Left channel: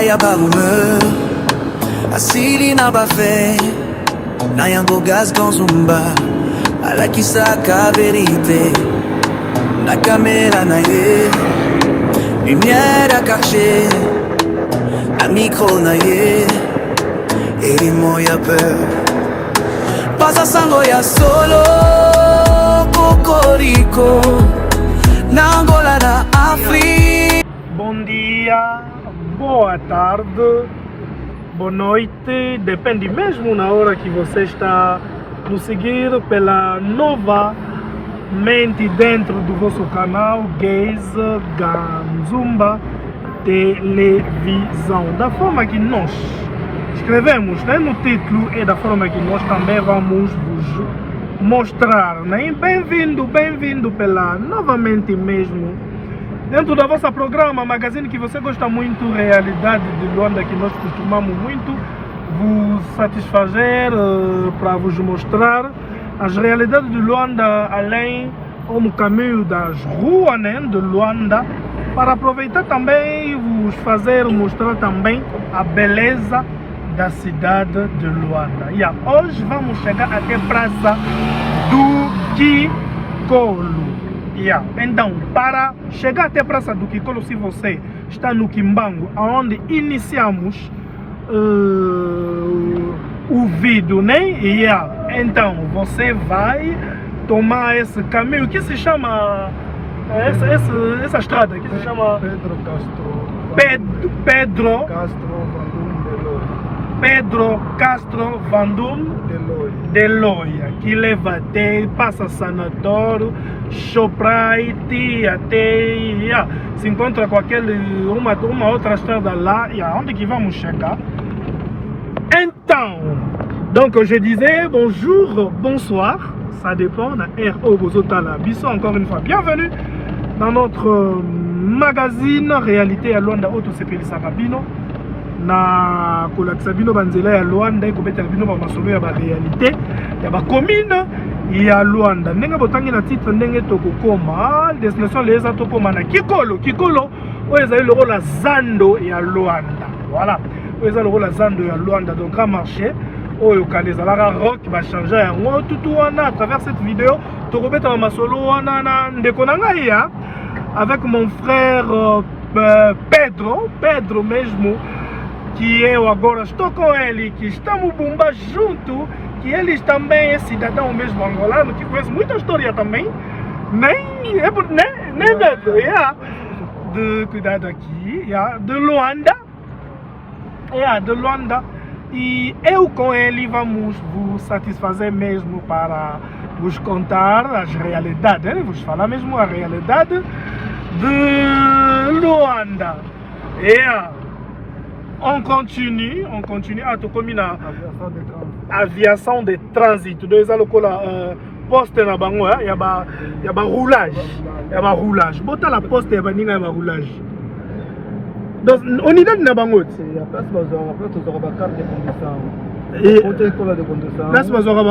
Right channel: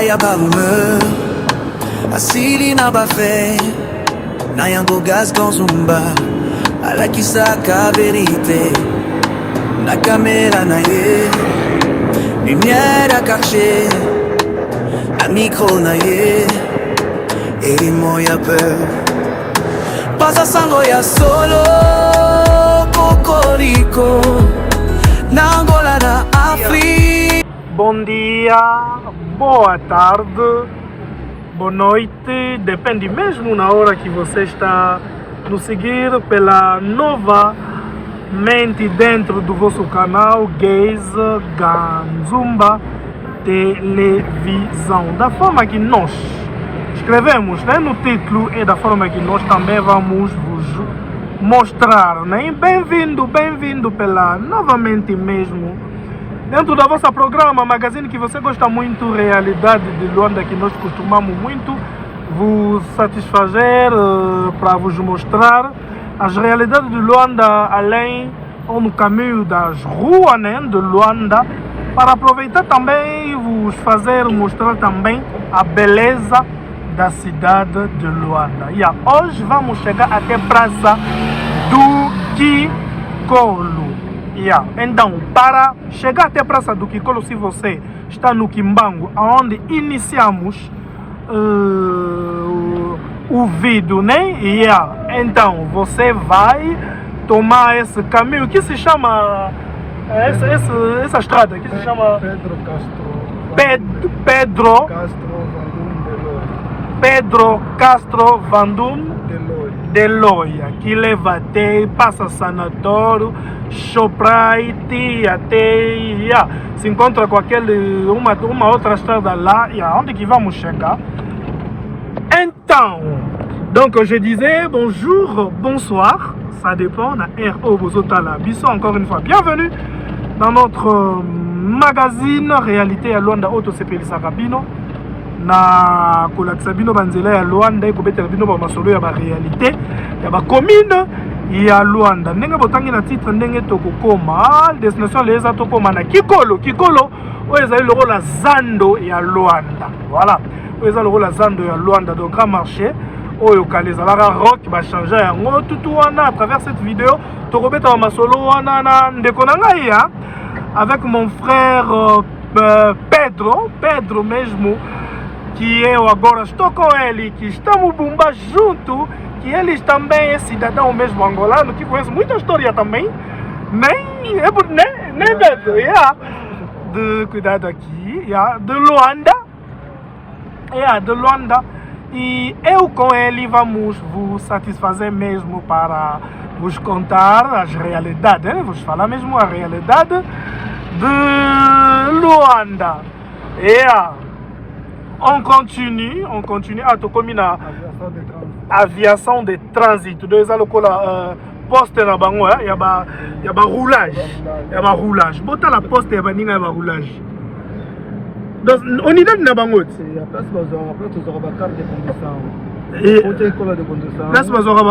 Nakoya ya barume asili na bafe na yango gaz konzumba alakisaka verite na kamera na ye lumière à quartier na micro na ye elimo ya peur pasa sango ya solo kokoriko na Angola na África. Bom dia, boa tarde, boa noite, depende mesmo na hora que você está nos seguir pela novamente dentro do vosso canal Gays Ganzumba Televisão. Da forma que nós escrevemos, né, no título e da forma que nós também vamos vos mostrar, né? Bem-vindo pela novamente mesmo dentro da vossa programa, magazine que você gosta muito, Realidade de Luanda, que nós costumamos muito vos satisfazer para vos mostrar as realidades de Luanda, além ou no caminho das ruas, né, de Luanda, para aproveitar também vos fazer mostrar também a beleza da cidade de Luanda. E hoje vamos chegar até a Praça do Kikolo. Então, para chegar até a Praça do Kikolo, se você está no Kimbangu, onde iniciamos o vídeo, né? Então, você vai tomar esse caminho que se chama essa estrada que se chama Pedro Castro Vandum de Loia, que leva até, passa Sanatório, Shoprite, até se encontra com uma outra estrada lá, onde que vamos chegar. Então, donc je disais bonjour, bonsoir, ça dépend, na R.O. Bozotala, Bisso encore une fois, bienvenue dans notre magazine Réalité à Luanda Auto CPL Sarabino. Na kolakisa bino banzela ya Luanda ekobetela bino ba masolo ya ba réalité ya ba commune ya Luanda ndenge botangi na titre ndenge tokokoma destination leza tokoma na Kikolo oyo ezali lokola zando ya Luanda, voilà oyo ezali lokola zando ya Luanda donc grand marché oyo kala ezalaka rock bachange yango tutu wana. À travers cette vidéo tokobeta ba masolo wana na ndeko na ngai avec mon frère Pedro mesmo, que eu agora estou com ele, que estamos Bumba junto, que eles também é cidadão mesmo angolano, que conhece muita história também, nem medo, de cuidado aqui, de Luanda, de Luanda, e eu com ele vamos vos satisfazer mesmo para vos contar as realidades, né? Vos falar mesmo a realidade de Luanda, On continue. Tokomi na aviation de transit. Donc ça lokola poste na bango ya ba roulage. Bota la poste ya baninga ya ba roulage. Donc on y donne na bango. Place bazora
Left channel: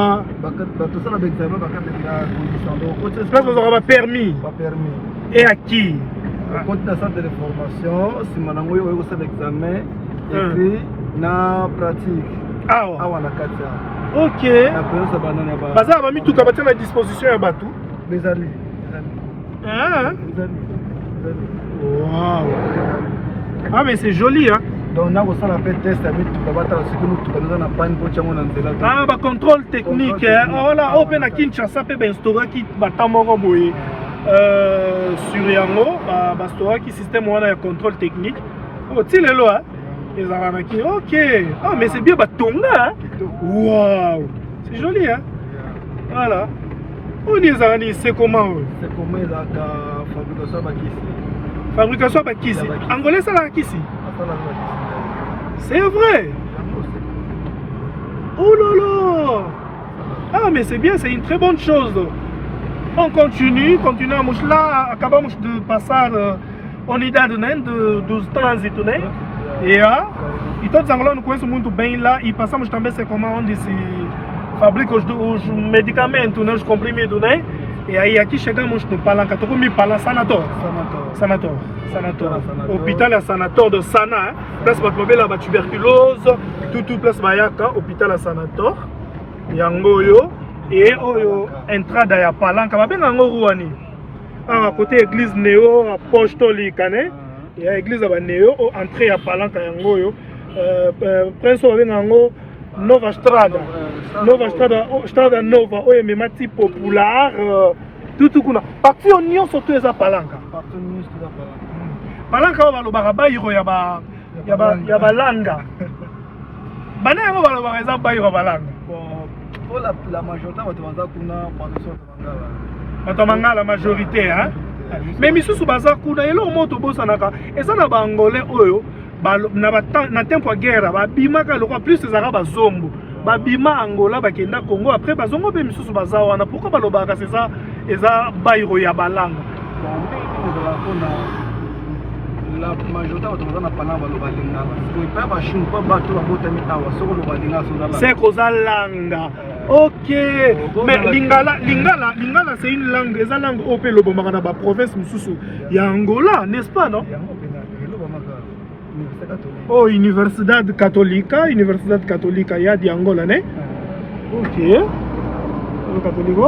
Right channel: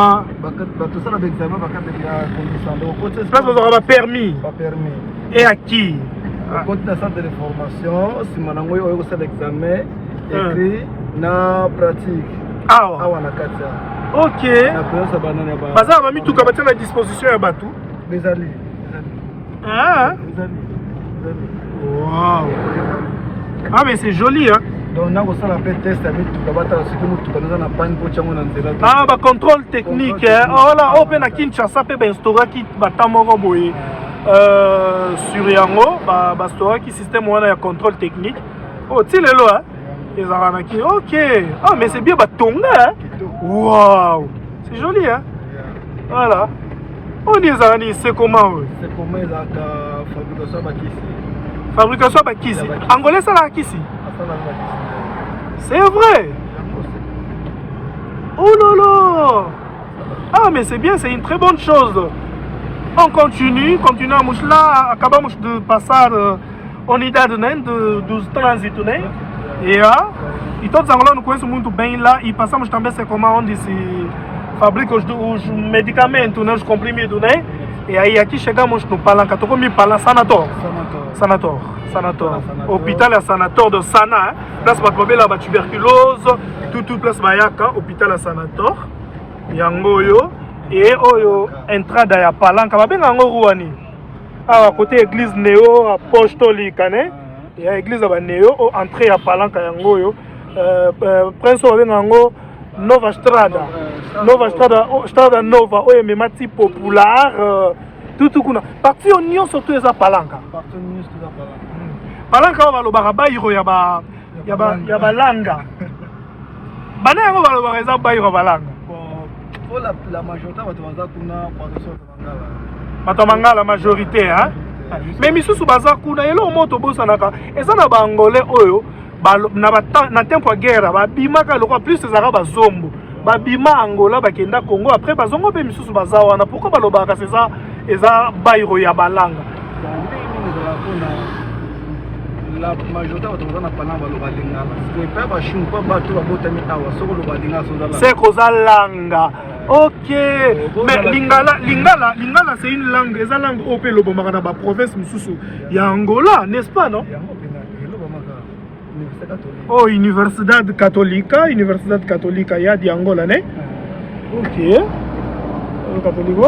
ba permis. Et à qui? Côté de centre de formation, si mon ami a eu l'examen, écrit na pratique. Na katia. Ok. Baza ba mitu ka batia na disposition ya batu. Bezali. Wow. Ah mais c'est joli hein. Donc na ko sala pe test ya mitu ka bata siku mutu ka na panne po chango na nzela. Ba contrôle technique oh là open na Kinshasa pe ben store ki batamoko boye. Sur yango bastora qui système wana ya contrôle technique. Oh tiens le là ezalana ki ok. Ah mais c'est bien batonga. Waouh, c'est joli hein. Voilà. On est allé c'est comment? C'est comment la fabrication bakisi. Fabrication bakisi. Angolais ça là kisi. C'est vrai. Oh là là. Ah mais c'est bien, c'est une très bonne chose. On continue à Mouchla, acabamos de passar unidade do trânsito, né? E todos os angolanos conhecem muito bem lá e passamos também a ser como onde se fabricam os medicamentos, né? Os comprimidos, né? et ayaki chega mon chnou palanka to komi pala sanator hôpital ya sanator de Sana place ba tobela ba tuberculose tout place bayaka hôpital ya sanator yango yo et oyo entrada ya palanka ba benga ngo ruani à côté église néo apostolique né ya église ba néo entrée ya palanka yango yo prince ba benga ngo Nova Strada Nova oyo memati populaire tout kuna parti union surtout eza palanka palanka balobaka bayiro ya balanga bana yango balobaka eza bayiro balanga la majorité bato mangala majorité hein mais misusu baza kuna elo moto bosanaka eza na bangolais oyo na tempo ya guerre babimaka lokwa plus ezaka bazombo babima Angola bakenda Congo après bazongo pe misusu baza wana pourquoi balobaka eza bayiro ya balanga la majorité batona panamba lobalinga c'est pas bashim pas bato babotami awa soko lobalinga c'est koza langa ok mais lingala c'est une langue eza langue ope lobomaka na ba province misusu ya Angola n'est-ce pas non oh Universidad Católica ya di Angola né ok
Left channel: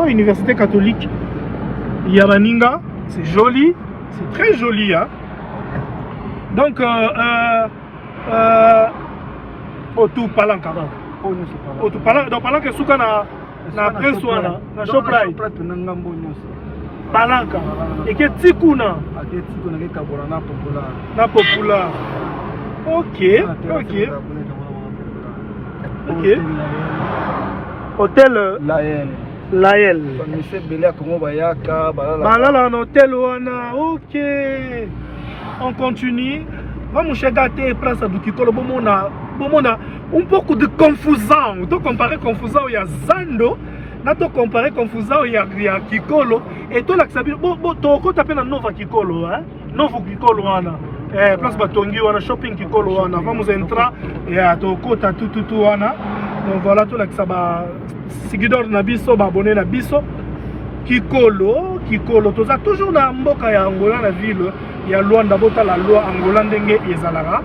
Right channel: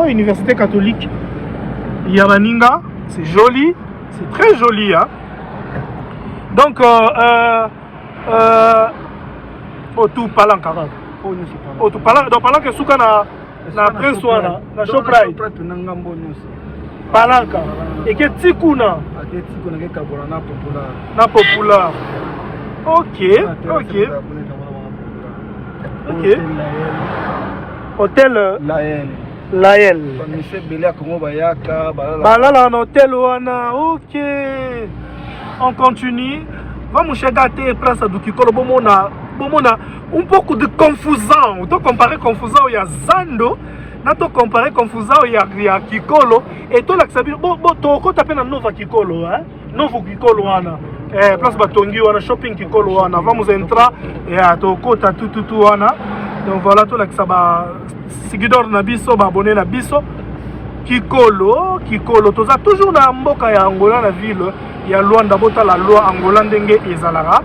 Université catholique ya baninga c'est joli c'est très joli hein donc tout palanka tout palanka donc palanka suka na prince wana na Shoprite palanka et que tikuna na popular ok hôtel Lael balala na hôtel wana ok on continue va mon cher gâté place du Kikolo bomona un peu de confusant to comparer confusant ya Zando na to comparer confusant ya Kikolo et to la sabi bo to ko taper na Nova Kikolo hein Novo Kikolo wana place batongi wana shopping Kikolo wana vamos entrar et to kota tout wana donc voilà to la saba seguidor na biso ba abonné na biso Kikolo toza toujours na mboka ya Angola na ville ya Luanda bota la loi Angola ndenge ezalaka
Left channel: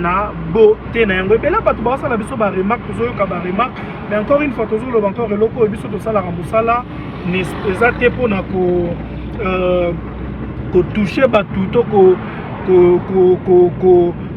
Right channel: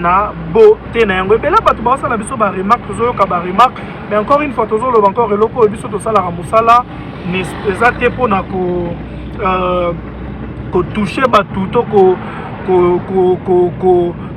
na beauté na yango ebele bato baosala biso ba remarque tozoyoka ba remarque mais encore une fois tozoloba encore eloko oyo biso tosalaka mosala eza te mpona kotouche bato to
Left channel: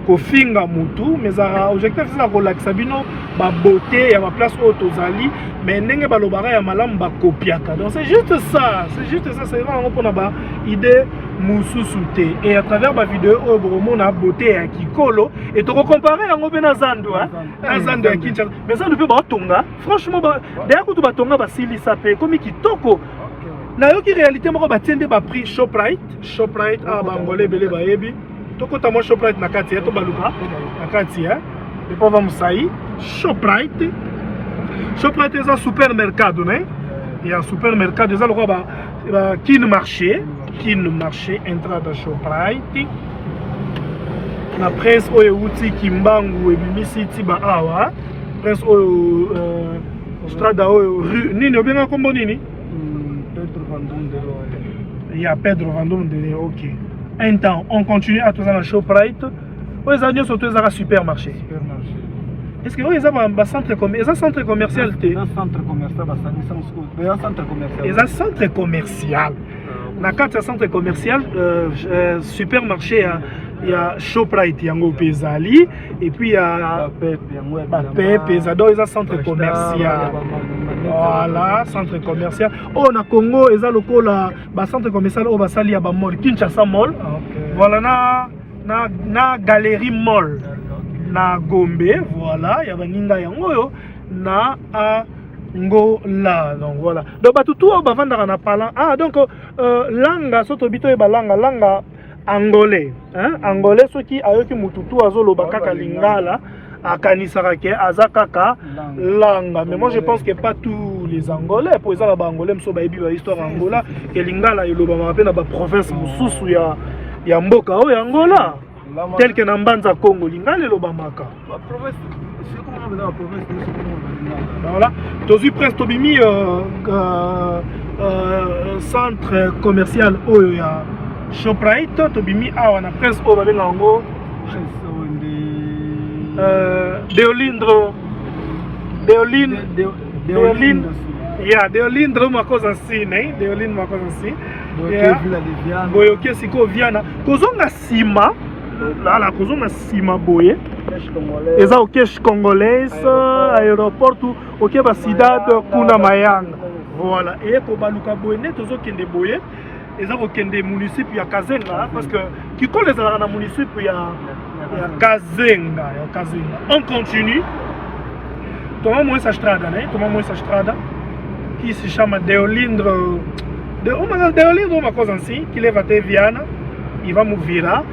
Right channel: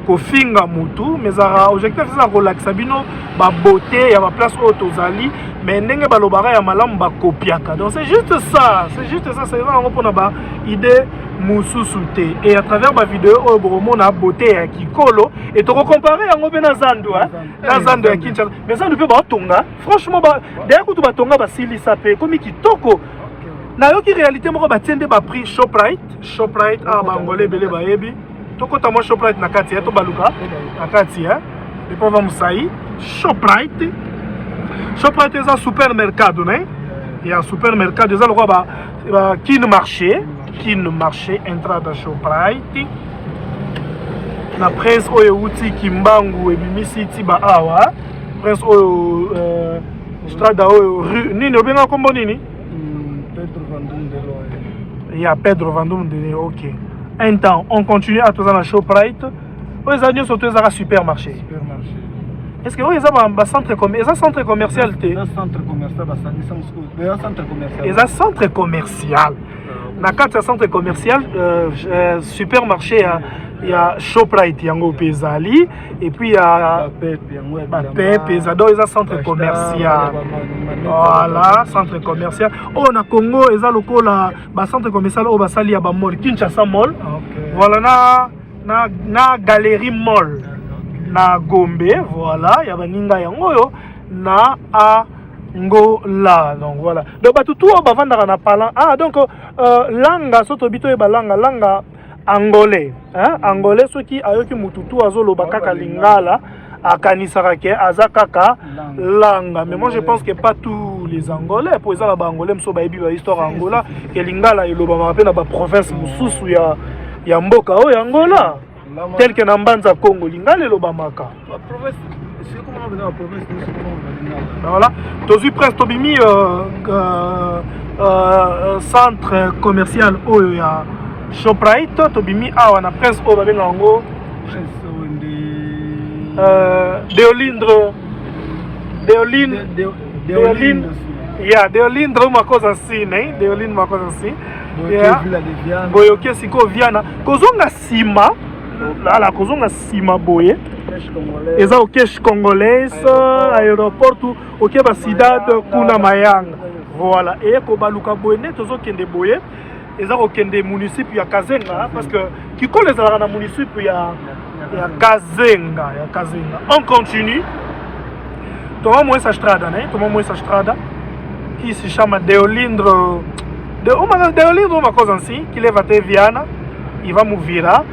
kofinga mutu mais objectif eza kolakisa bino babeauté ya baplace oyo tozali mais ndenge balobaka ya malamu bakopiaka donc c'est juste ça c'est yango mpona baidée mosusu te et à travers bavideo oyo bokomona beauté ya Kikolo et tokocompare yango mpe na Zando ya Kinshasa mais Zando mpe baotonga franchement d'ailleurs kutu batonga basilisa mpe ekomi kitoko nayoki réalité moko batie nde baprix Shoprite bangolais ebele bayebi tokota mwa Shoprite na kati to baluka na kati epo va mosai Shoprite eza supermercado ne ya supermercado eza lokwa kin marché entrada Shoprite na prince oyo uti Kimbangu ebimisi ti ba awa prince oyo strada oyo nini obenga kombo nini il y a Pedro Vandum de ok. Un temps, on continue à tous dans la Shoprite. Aux amis surtout ils ont un supermarché. Est-ce que vous avez un centre commercial? Centre commercial. Ils ont centre commercial. Na carte centre commercial, supermarché, il y a Shoprite, yango Pezali, et puis il y a Pep, ils ont centre commercial. Voilà, centre commercial. Oh, na Congo, ils ont le centre commercial, oh, basali, ya ba mall, Kinshasa Mall. Voilà, na Galerie Mall, na Gombe, voilà, il y a baninga yango yo, na Angola, donc voilà. Donc bah tout va vendre na parlant. Ah donc langa soto bito e langa angolais, hein, angolais ceux qui ayoki mututu azolo bakaka lingala akanisaka ke azakaka langa. Mais moi je pense que pas tous les angolais pour ça ba angolais mso ba yebi ba histoire Angola ke lingala iloba mape na ba province mususu ya mboka o ya Angola tel que na Mbanza Congo lingala iloba maka. Voilà, tozu presque tobimi centre commercial oyo ya Shoprite tobimi awa na presse oyo babenga yango Deolindro ya Deolindro makoza si ne Deolindro makoza si boyoke siko viana kozonga sima lala kozonga sima boye eza au cache congolaise aéroport ok ba cidade kuna mayanga voilà et ko baluka boye ne tozo kende boye eza ko kende municipio ya Kazenga parce que kiko les ala na municipio ya Kazenga on continue Thomas Moïse Strada qui se chama Deolindro Deolindro makoza ainsi qui leva te viana il va mouvira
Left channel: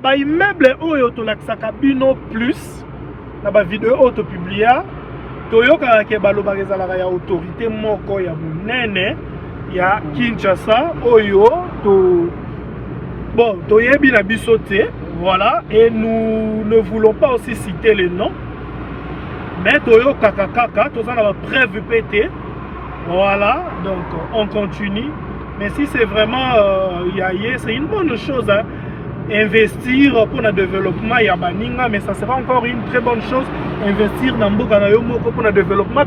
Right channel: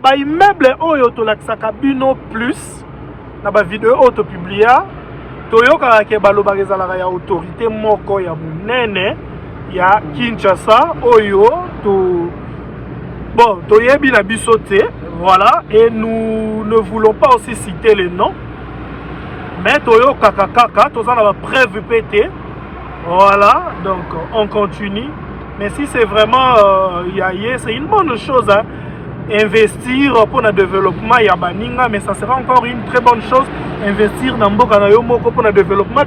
ba immeuble oyo to laksaka bino plus na ba vidéo auto publia toyoka ke baloba ezalaka ya autorité moko ya munene ya Kinshasa oyo bon toyebi na biso te voilà et nous ne voulons pas aussi citer les noms mais toyoka kaka tozana ba preuve pété voilà donc on continue mais si c'est vraiment c'est une bonne chose hein. Investir pour le développement ya baninga mais ça sera encore une très bonne chose investir dans mboka na yo moko pour le développement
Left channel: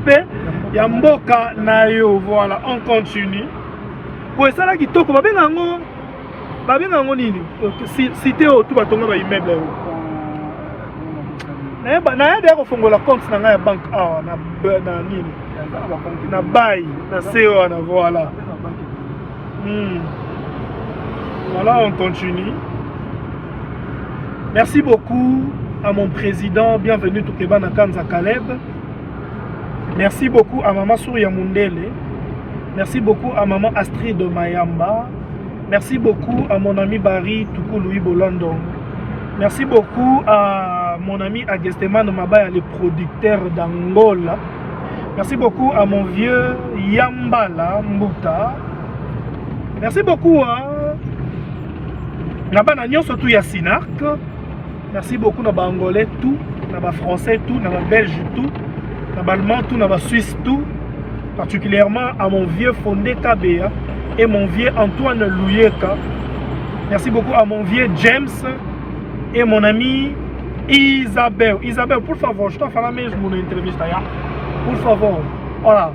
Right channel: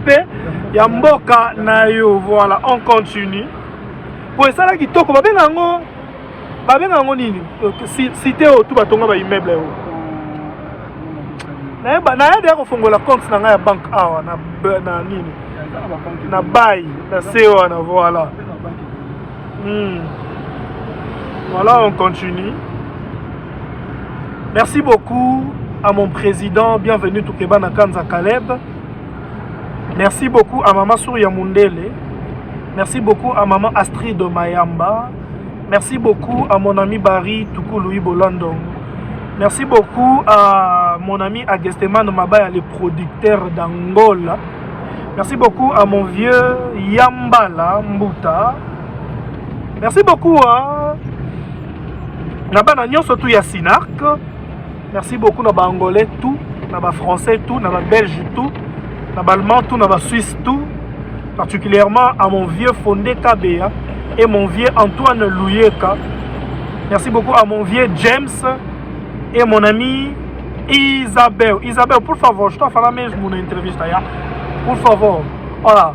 ya mboka na yo voilà on continue pour ça là kitoko babenga ngo nini cité au tout batonga ba immeuble yo na ya ko fongola compte na nga ya bank awa na nini na bail na CEO na voilà voilà on continue. Merci beaucoup à mon président, bienvenue Toukeba Nakanza Kaleb. Merci beaucoup à Maman Souria Mundele. Merci beaucoup à Maman Astrid Mayamba. Merci beaucoup à mon ami Barry Toukou-Louis Bolando. Merci beaucoup à mon ami Agesteman Mabaya, le producteur d'Angola. Merci beaucoup à mon vieux Yambala Mbuta. Merci beaucoup à Nabana Nyon surtout Yassinak. Merci beaucoup à Angolais tout, à Français tout, à Belge tout, à Allemand tout, à Suisse tout, particulièrement à mon vieux Fondé Kabea et mon vieux Antoine Louyeka. Merci beaucoup à mon vieux James et mon ami Isabelle. Isabelle, pour favor, je t'en ferai mon entreviste là. Pour favor, voilà.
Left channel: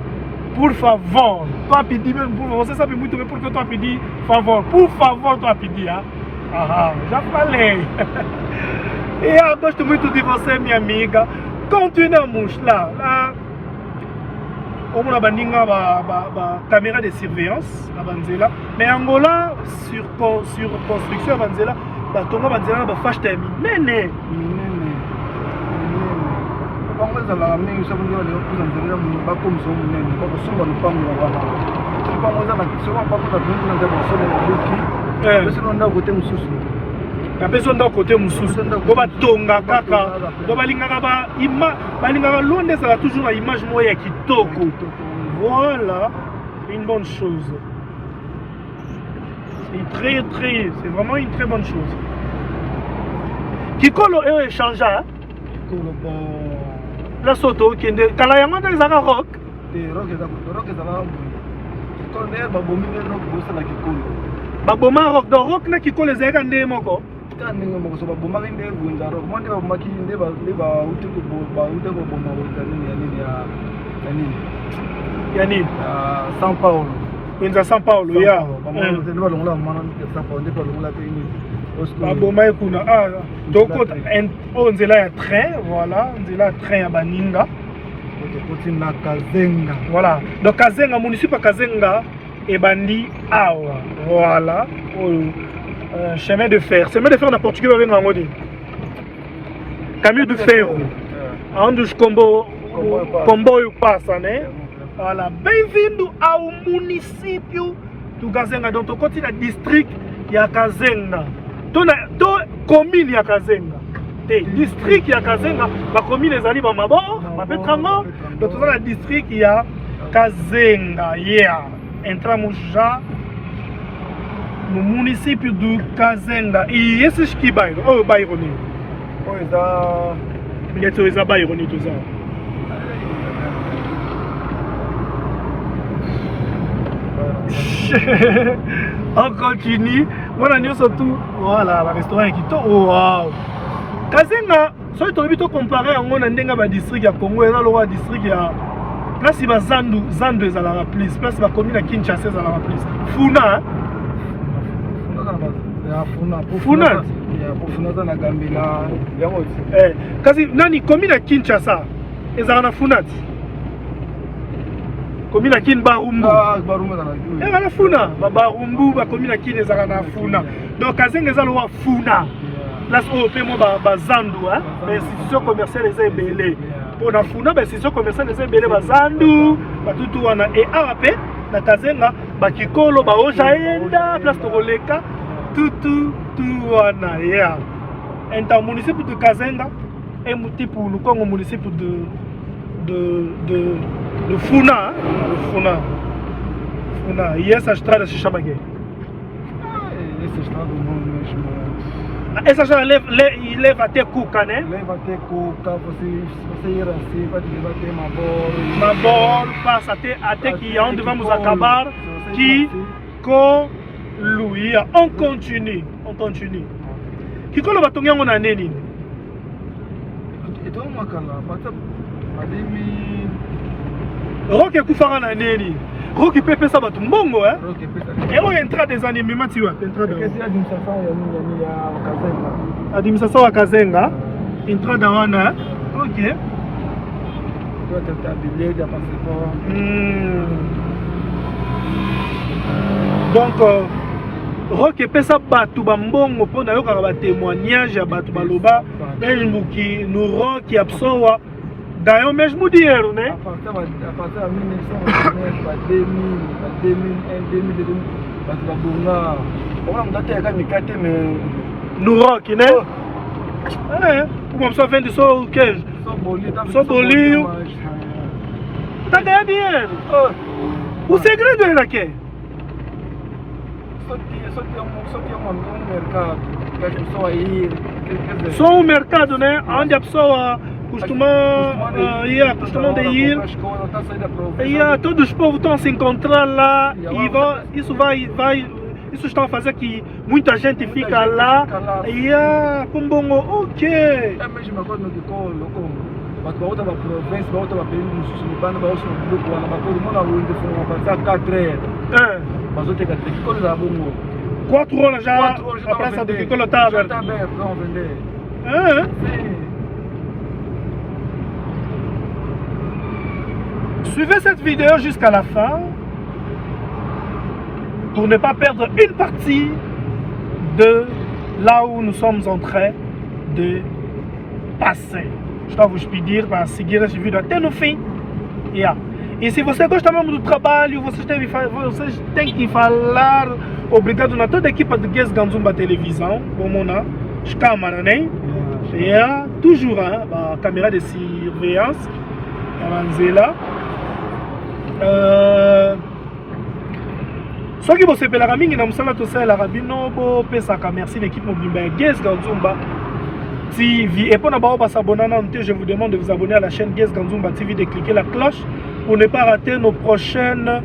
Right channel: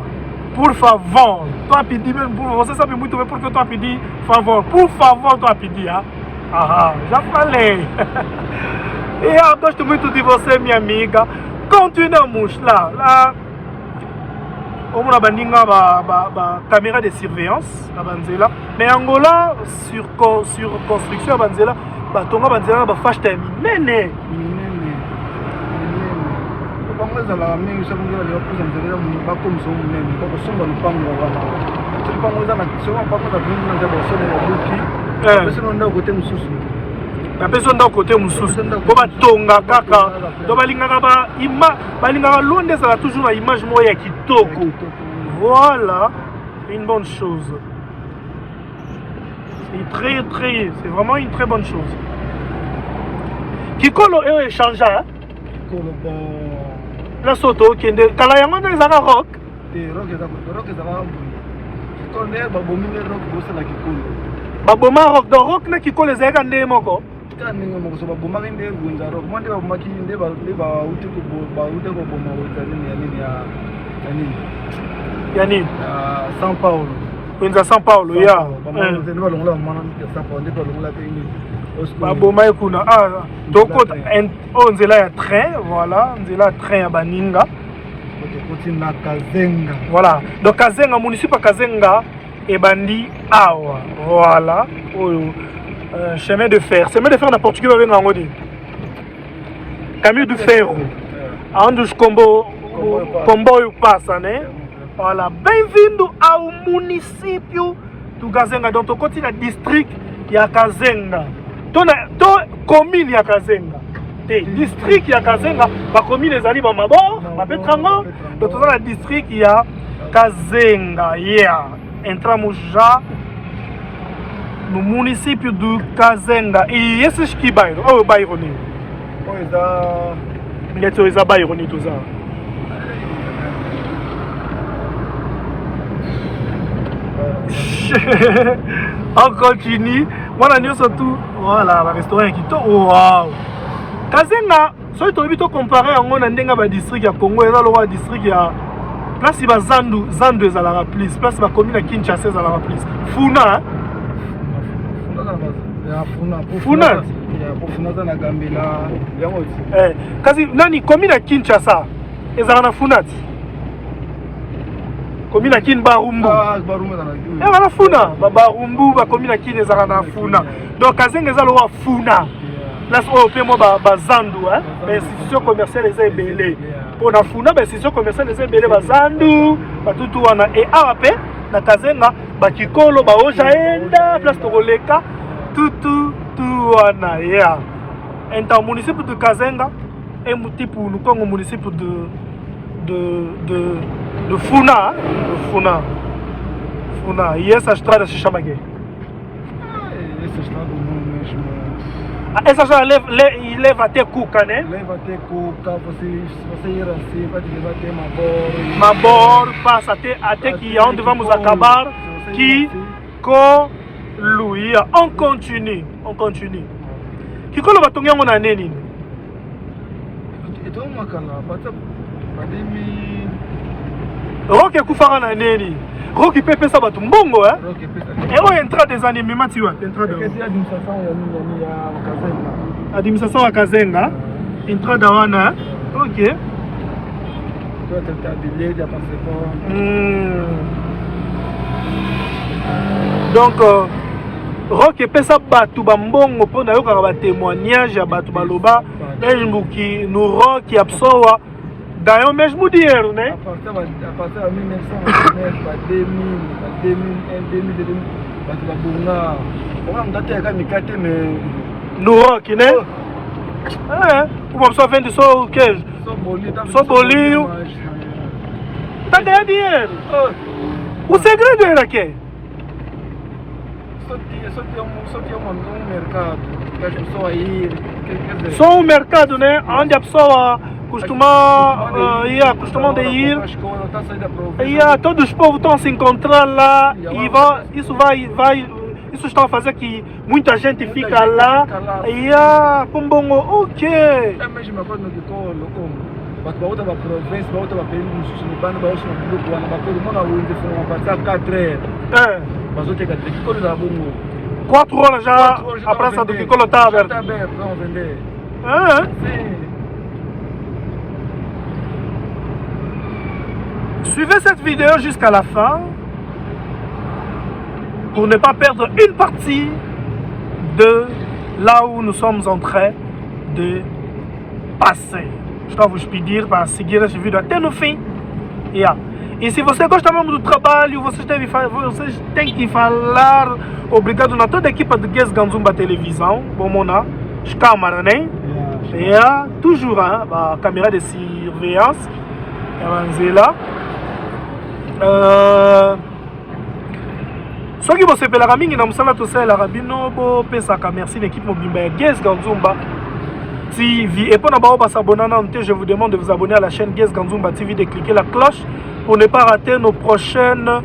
Pour favor, toi pidi même pour favor, c'est ça pour que toi pidi favor. Pour favor, toi pidi hein. Ah, já falei. E eu gosto muito de você, minha amiga. Continuamos lá. Como na bandinga ba caméra de surveillance na banzela. Mais Angola sur construction banzela, ba tonga banzela ba fâche terminé. Bongoza la mingi ça bongoza le plus antérieur ba comme son munene. Ba so ba lupango wa. Tu bongoza na so ba bongoza na de so na luki. Parce que on a côté mususu. La personne d'un côté mususu. Ko ba tonga kaka. Do balingaka balingaka loin de ça toujours une image moya kitoko. Voilà, une bonne chose. C'est vraiment une très bonne chose. Kikolo est échangé. La soto qui est Kalayama dans les rock. Baboma rock de rock na kikolo les agandé moko. Yani São Paulo. Kwenza São Paulo ya. Baboma ekuna doko nzela ya train, voilà, nzela train ya baninga. Na Kazenga. Voilà. Donc Kazenga municipal Kazenga et bandi awa. Voilà. Chemin de fer. Chemin de fer na portugais ba benga ngodi. Caminho de ferro. Aonde comboio passa, né? Voilà, bem-vindo ao município do Kazenga. Donc, tu continues le district de Kazenga. Tu commune de Kazenga. District de Kazenga, la commune des Alibes à Mabor, à Petrango. Donc, tu as le district de Kazenga. Yeah. Entramos já no município do Kazenga. E esses que bairro? Oh, bairro ne. Pois é. Bilhete é bairro ne, tu sabe. On continue. Voilà, nous surtout. Voilà, le restaurant qui est wow. Kazenga, si tu as comparé on a un district à Congo et là, district à place il va Zandu est à la place, place va commune à Kinshasa à la place. Funa. Funa. Kasi nani commune à Kinshasa est à la Funat. Commune à Kin Barumbu. Et à la Funa, Barumbu, la commune à Kin est à la Funa. Donc Kazenga est à la Funa. Là, on peut me Zandu, mais institution commerciale est ébélée. Pour la Funa, institution commerciale est ébélée, Zandu, tout wana et AAP, na Kazenga, Bakikolo, Baojaenda, place Toroleka, tout wana, yeah. Un municipio de Kazenga, un type pour le municipio de Funa, Funa, yes, a strada se chama aqui. Essa já leva até Cuca, né? Leva até Cuca, você ir assim, vai ter Mabor, passa até que onde vamos acabar, que Luia. On continue. Que quando vai tomar uma neni? Então uma cana, bata, Roque kufara na neni. Roque pepe sa batu mbongo, hein? Et on entra des animaux, tu vois, entra de administration à Kazenga, entra d'Awana, ok. Donc, Roque pesa batu bambongo pour d'ailleurs quand on témoignage à batu baloba, qui nous Roque absorbe. D'ailleurs, mais je vous dis, à partir de 1999, 2000, nous rock, né? Como só vende só o queijo? Só bolinho. Tá ganhando dinheiro. O segredo era que? Só tem um mercado que as pessoas ir. Só um mercado, né? Onde a pessoa costumam ir. Todos os povos estão a se encontrar lá e isso está a fazer que muita gente fica lá e ok. É mesmo agora no doutor, mas para outra província, para outra país, no sul do Bano, para outra grupo, para todo mundo na rua, foram passar 4 horas. Mas eu tenho que coisa da bomba. 4 horas já a praça do Kikolo está aberta. Está aberta, vamos vender. Sim. Suivez cette vidéo jusqu'à la fin pour ne pas perdre une partie de là où nous sommes en train de passer. Je dois vous dire para seguir essa vídeo até no fim. Yeah. E se você gosta mesmo do trabalho, vocês têm que falar obrigado na toda a equipa de Guest Ganzumba Televisão. Vamos lá, as câmeras, né? Yeah. Toujours a caméra de surveillance. Ela lá. Só que você pela mingi na musala to sala rabino bo pesa ka merci l'équipe no bimba Guest Ganzumba TV et pour ne pas s'abonner je vous demande de vous abonner à la chaîne Guest Ganzumba TV, de cliquer la cloche pour ne pas rater nos prochaines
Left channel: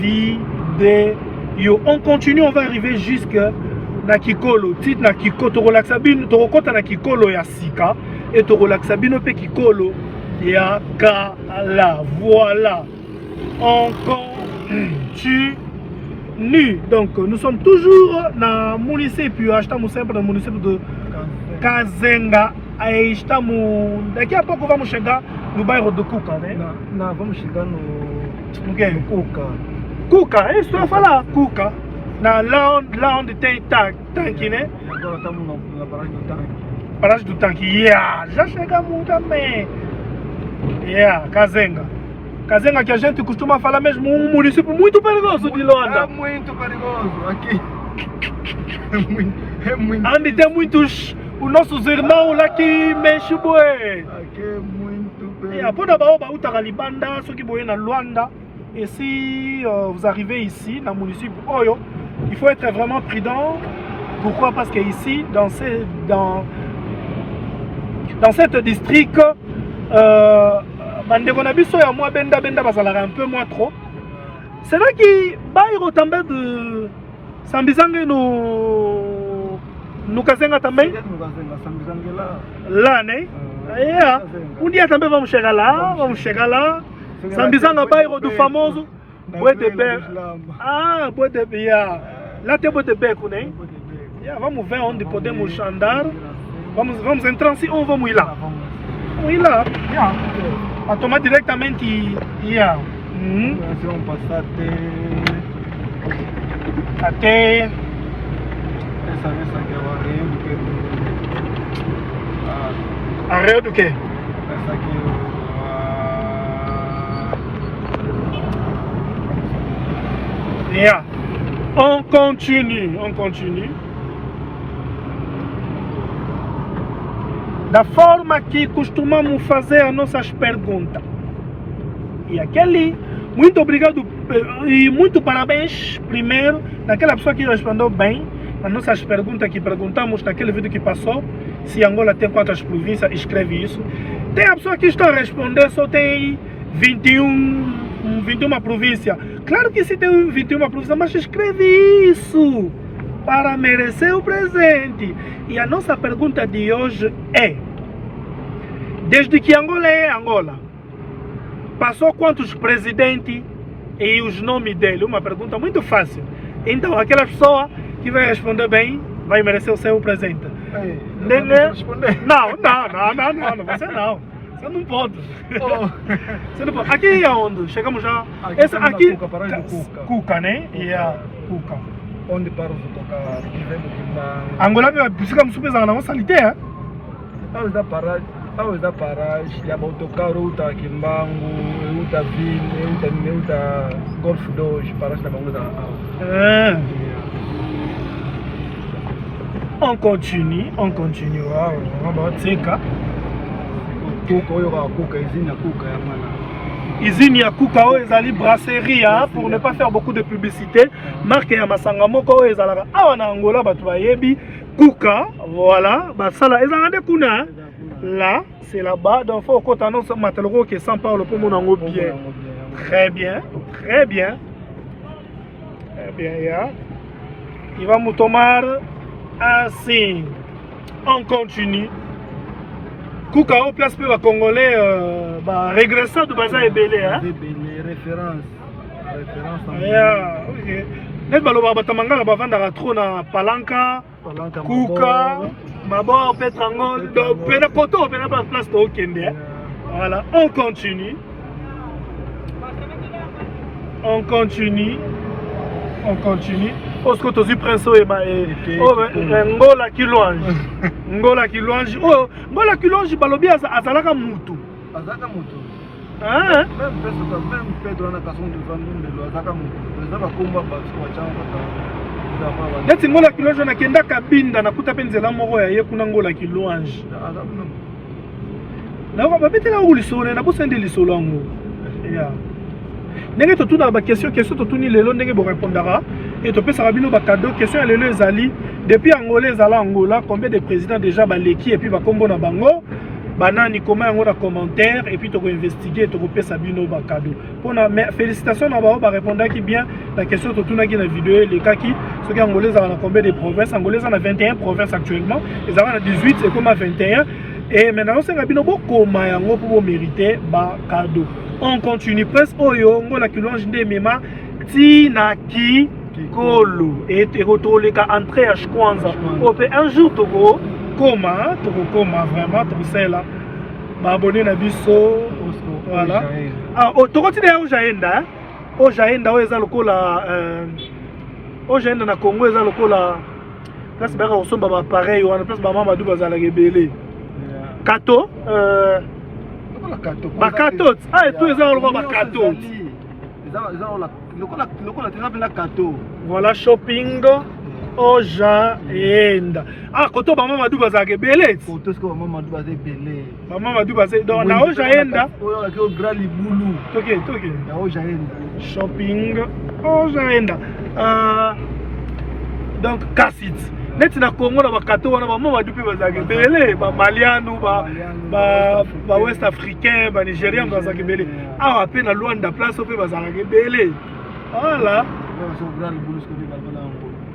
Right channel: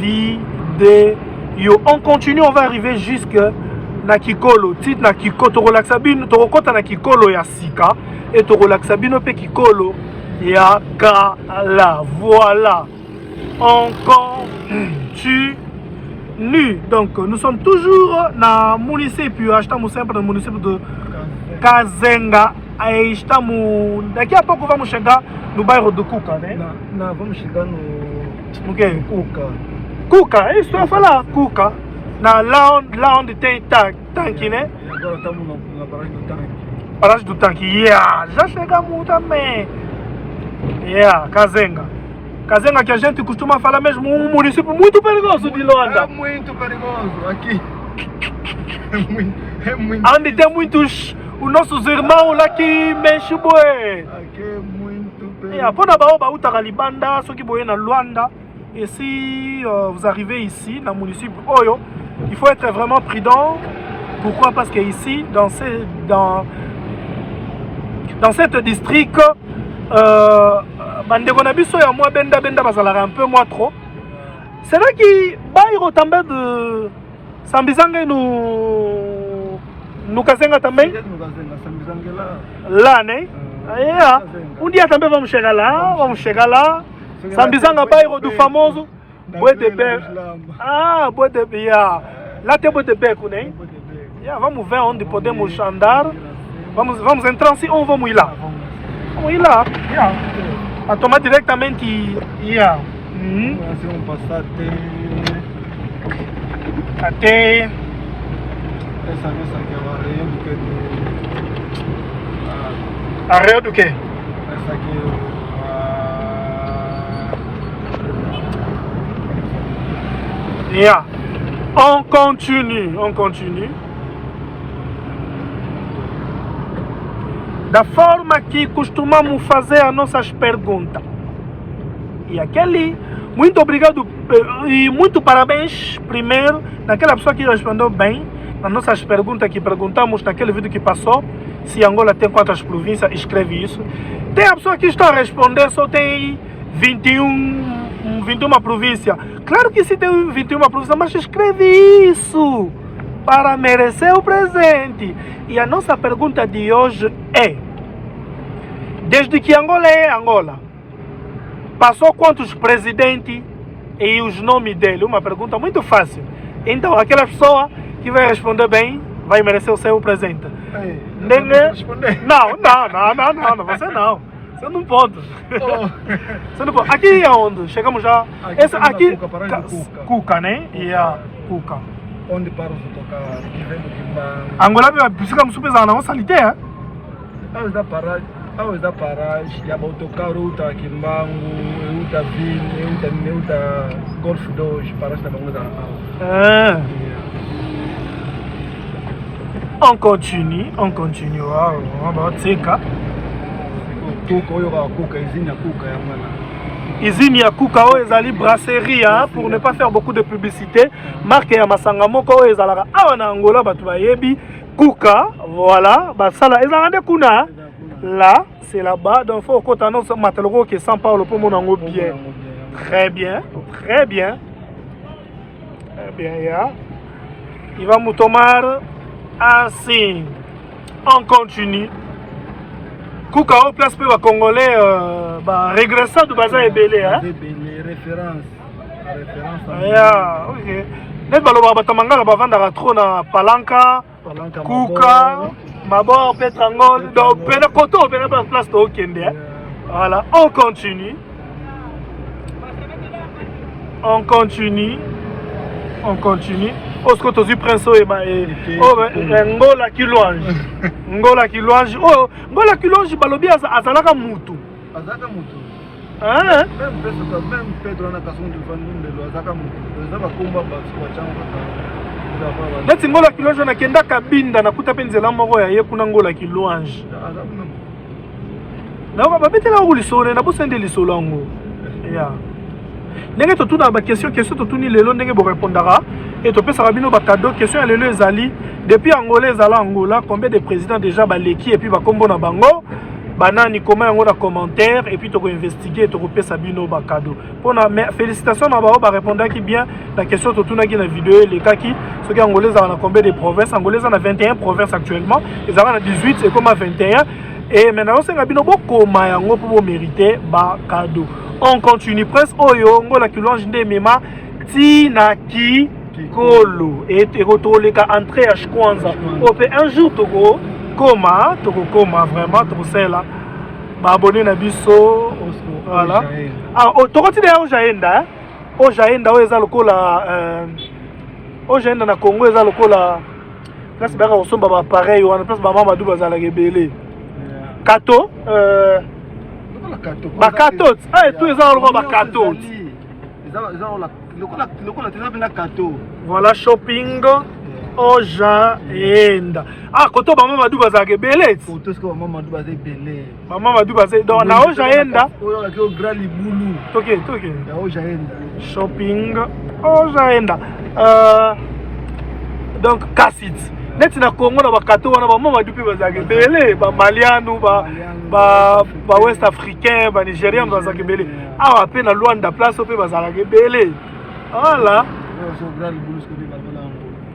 vidéos. On continue, on va arriver jusque na Kikolo, titre na Kikolo to relaxa bino to kota na Kikolo ya sika et to relaxa bino pe Kikolo ya kala. Voilà. On continue. Donc nous sommes toujours dans le município, estamos sempre no município de Kazenga. Aí estamos, daqui a pouco vamos chegar no bairro do Cuca, né? Não, vamos chegar no quê? Cuca. Cuca, é isso que eu ia falar, Cuca. Lá onde tem tanque, né? Agora estamos na paragem do tanque. Paragem do tanque, yeah. Já chegamos também. Yeah, Kazenga. Kazenga que a gente costuma falar mesmo, um município muito perigoso de Luanda. É muito perigoso aqui. É muito. Onde tem muitos os nossos irmãos lá que mexem boi. Aqui é muito perigoso. Pour d'abord, on va Libanda, ceux qui boivent dans Luanda. Et si vous arrivez ici, dans le municipio Oyo, il faut être vraiment prudent. Pourquoi? Parce que ici, dans cette district, bandeko na biso ya moi benda bazalaka un peu moins trop. C'est là qui bairo também de Sambizangue no Kazenga também? Lá, né? Um dia também vamos chegar lá. Sambizanga, bairro do famoso Boi de Beco. Boi de Beco. Lá tem Boi de Beco, né? Vamos ver onde podemos andar. Vamos entrar assim ou vamos ir lá? Vamos ir lá. A tomar diretamente. Vamos passar até. Essa aqui é o areia do que? Areia do quê? Essa aqui On continue. Da forma que costumamos fazer as nossas perguntas. E aquele, muito obrigado e muito parabéns primeiro naquela pessoa que respondeu bem nas nossas perguntas que perguntamos naquele vídeo que passou. Se Angola tem quantas províncias, escreve isso. Tem a pessoa que está a responder, só tem 21 províncias. Claro que se tem 21 províncias, mas escreve isso para merecer o presente. E a nossa pergunta de hoje é: desde que Angola é Angola, passou quantos presidentes e os nomes dele? Uma pergunta muito fácil. Então, aquela pessoa que vai responder bem vai merecer o seu presente. Não, você não. Você não pode. Você não pode. Aqui é onde? Chegamos já. Essa aqui. Cuca, né? Cuca. Onde para os autocarros? Angola precisa subir na nossa liteira. Aos da paragem, já autocarro está aqui em Bango, está vindo, está Golf 2, paragem da Bango da. On continue. Vamos seca. Usine ya Kuka oyo ezali brasserie pour ne pas faire beaucoup de publicité. Marque ya masanga moko oyo ezalaka awa na Angola bato bayebi Kuka, voilà, basala ezalaka kuna. Là, c'est là-bas, donc faut qu'on t'annonce matériau qui est sans parole pour mon ango bien. Très bien. Il va me tomar assim. On continue. Kuka au place pour les Congolais régressant de Baza et Belé, hein? Référence. Ok. Net baloba batamanga la bavanda trop na Palanka, Kuka, Mabor, Petrangol, donc pena koto, pena place de Okende. Voilà, on continue. Osco tozi prince et Ngola qui louange. Ngola qui louange balobi azalaka mutu. Même Pedro na kason de famille azalaka mutu. Neti Ngola qui louange na kenda kabinda na kuta penzela moko ya ye kuna Ngola qui louange. Na ba betela ko lisolo na bosende lisolo ngo. Ya. Ndenge totuna ba question totuni lelo ndenge bo répondra et to pesa bino ba cadeau question lelo ezali depuis Angola ezala Angola combien de présidents déjà baleki et puis ba kombo na bango banani comment yango na commentaire et puis to ko investiguer to ko pesa bino ba cadeau pona félicitations na ba répondre qui bien la question totuna ki na vidéo les kaki ce qui Angola ezala na combien de provinces Angola ezala na 21 provinces actuellement ezala na 18 c'est comme à 21 et maintenant c'est bino bokoma yango pour mériter ba cadeau. On continue presque oyo Ngola qui louange nde mema tina ki kolo et rotoleka entrée à Shkwanza ope un jour toko koma vraiment toko sela ba abonné na biso voilà toko tina o jaenda o eza lokola o jaenda na Congo eza lokola place baka osomba ba pareil wana place ba mama du bazala gebele kato Bakatot, tout les gens bakatot. Voilà shopping au Jaenda. Koto maman Madou bazake belé. Koto ce que maman Madou bazake belé. Maman Madou bazake donc na au Jaenda. Au grand liboulou. OK. Na au Jaenda. Shopping au Jaenda. Donc Kassit. Net na Congo na bakato wana maman Madou bazake belé, ba Maliano ba West Africain, ba Nigérien bazaki belé. Ah pe na Luanda place pe bazaki belé. Voilà.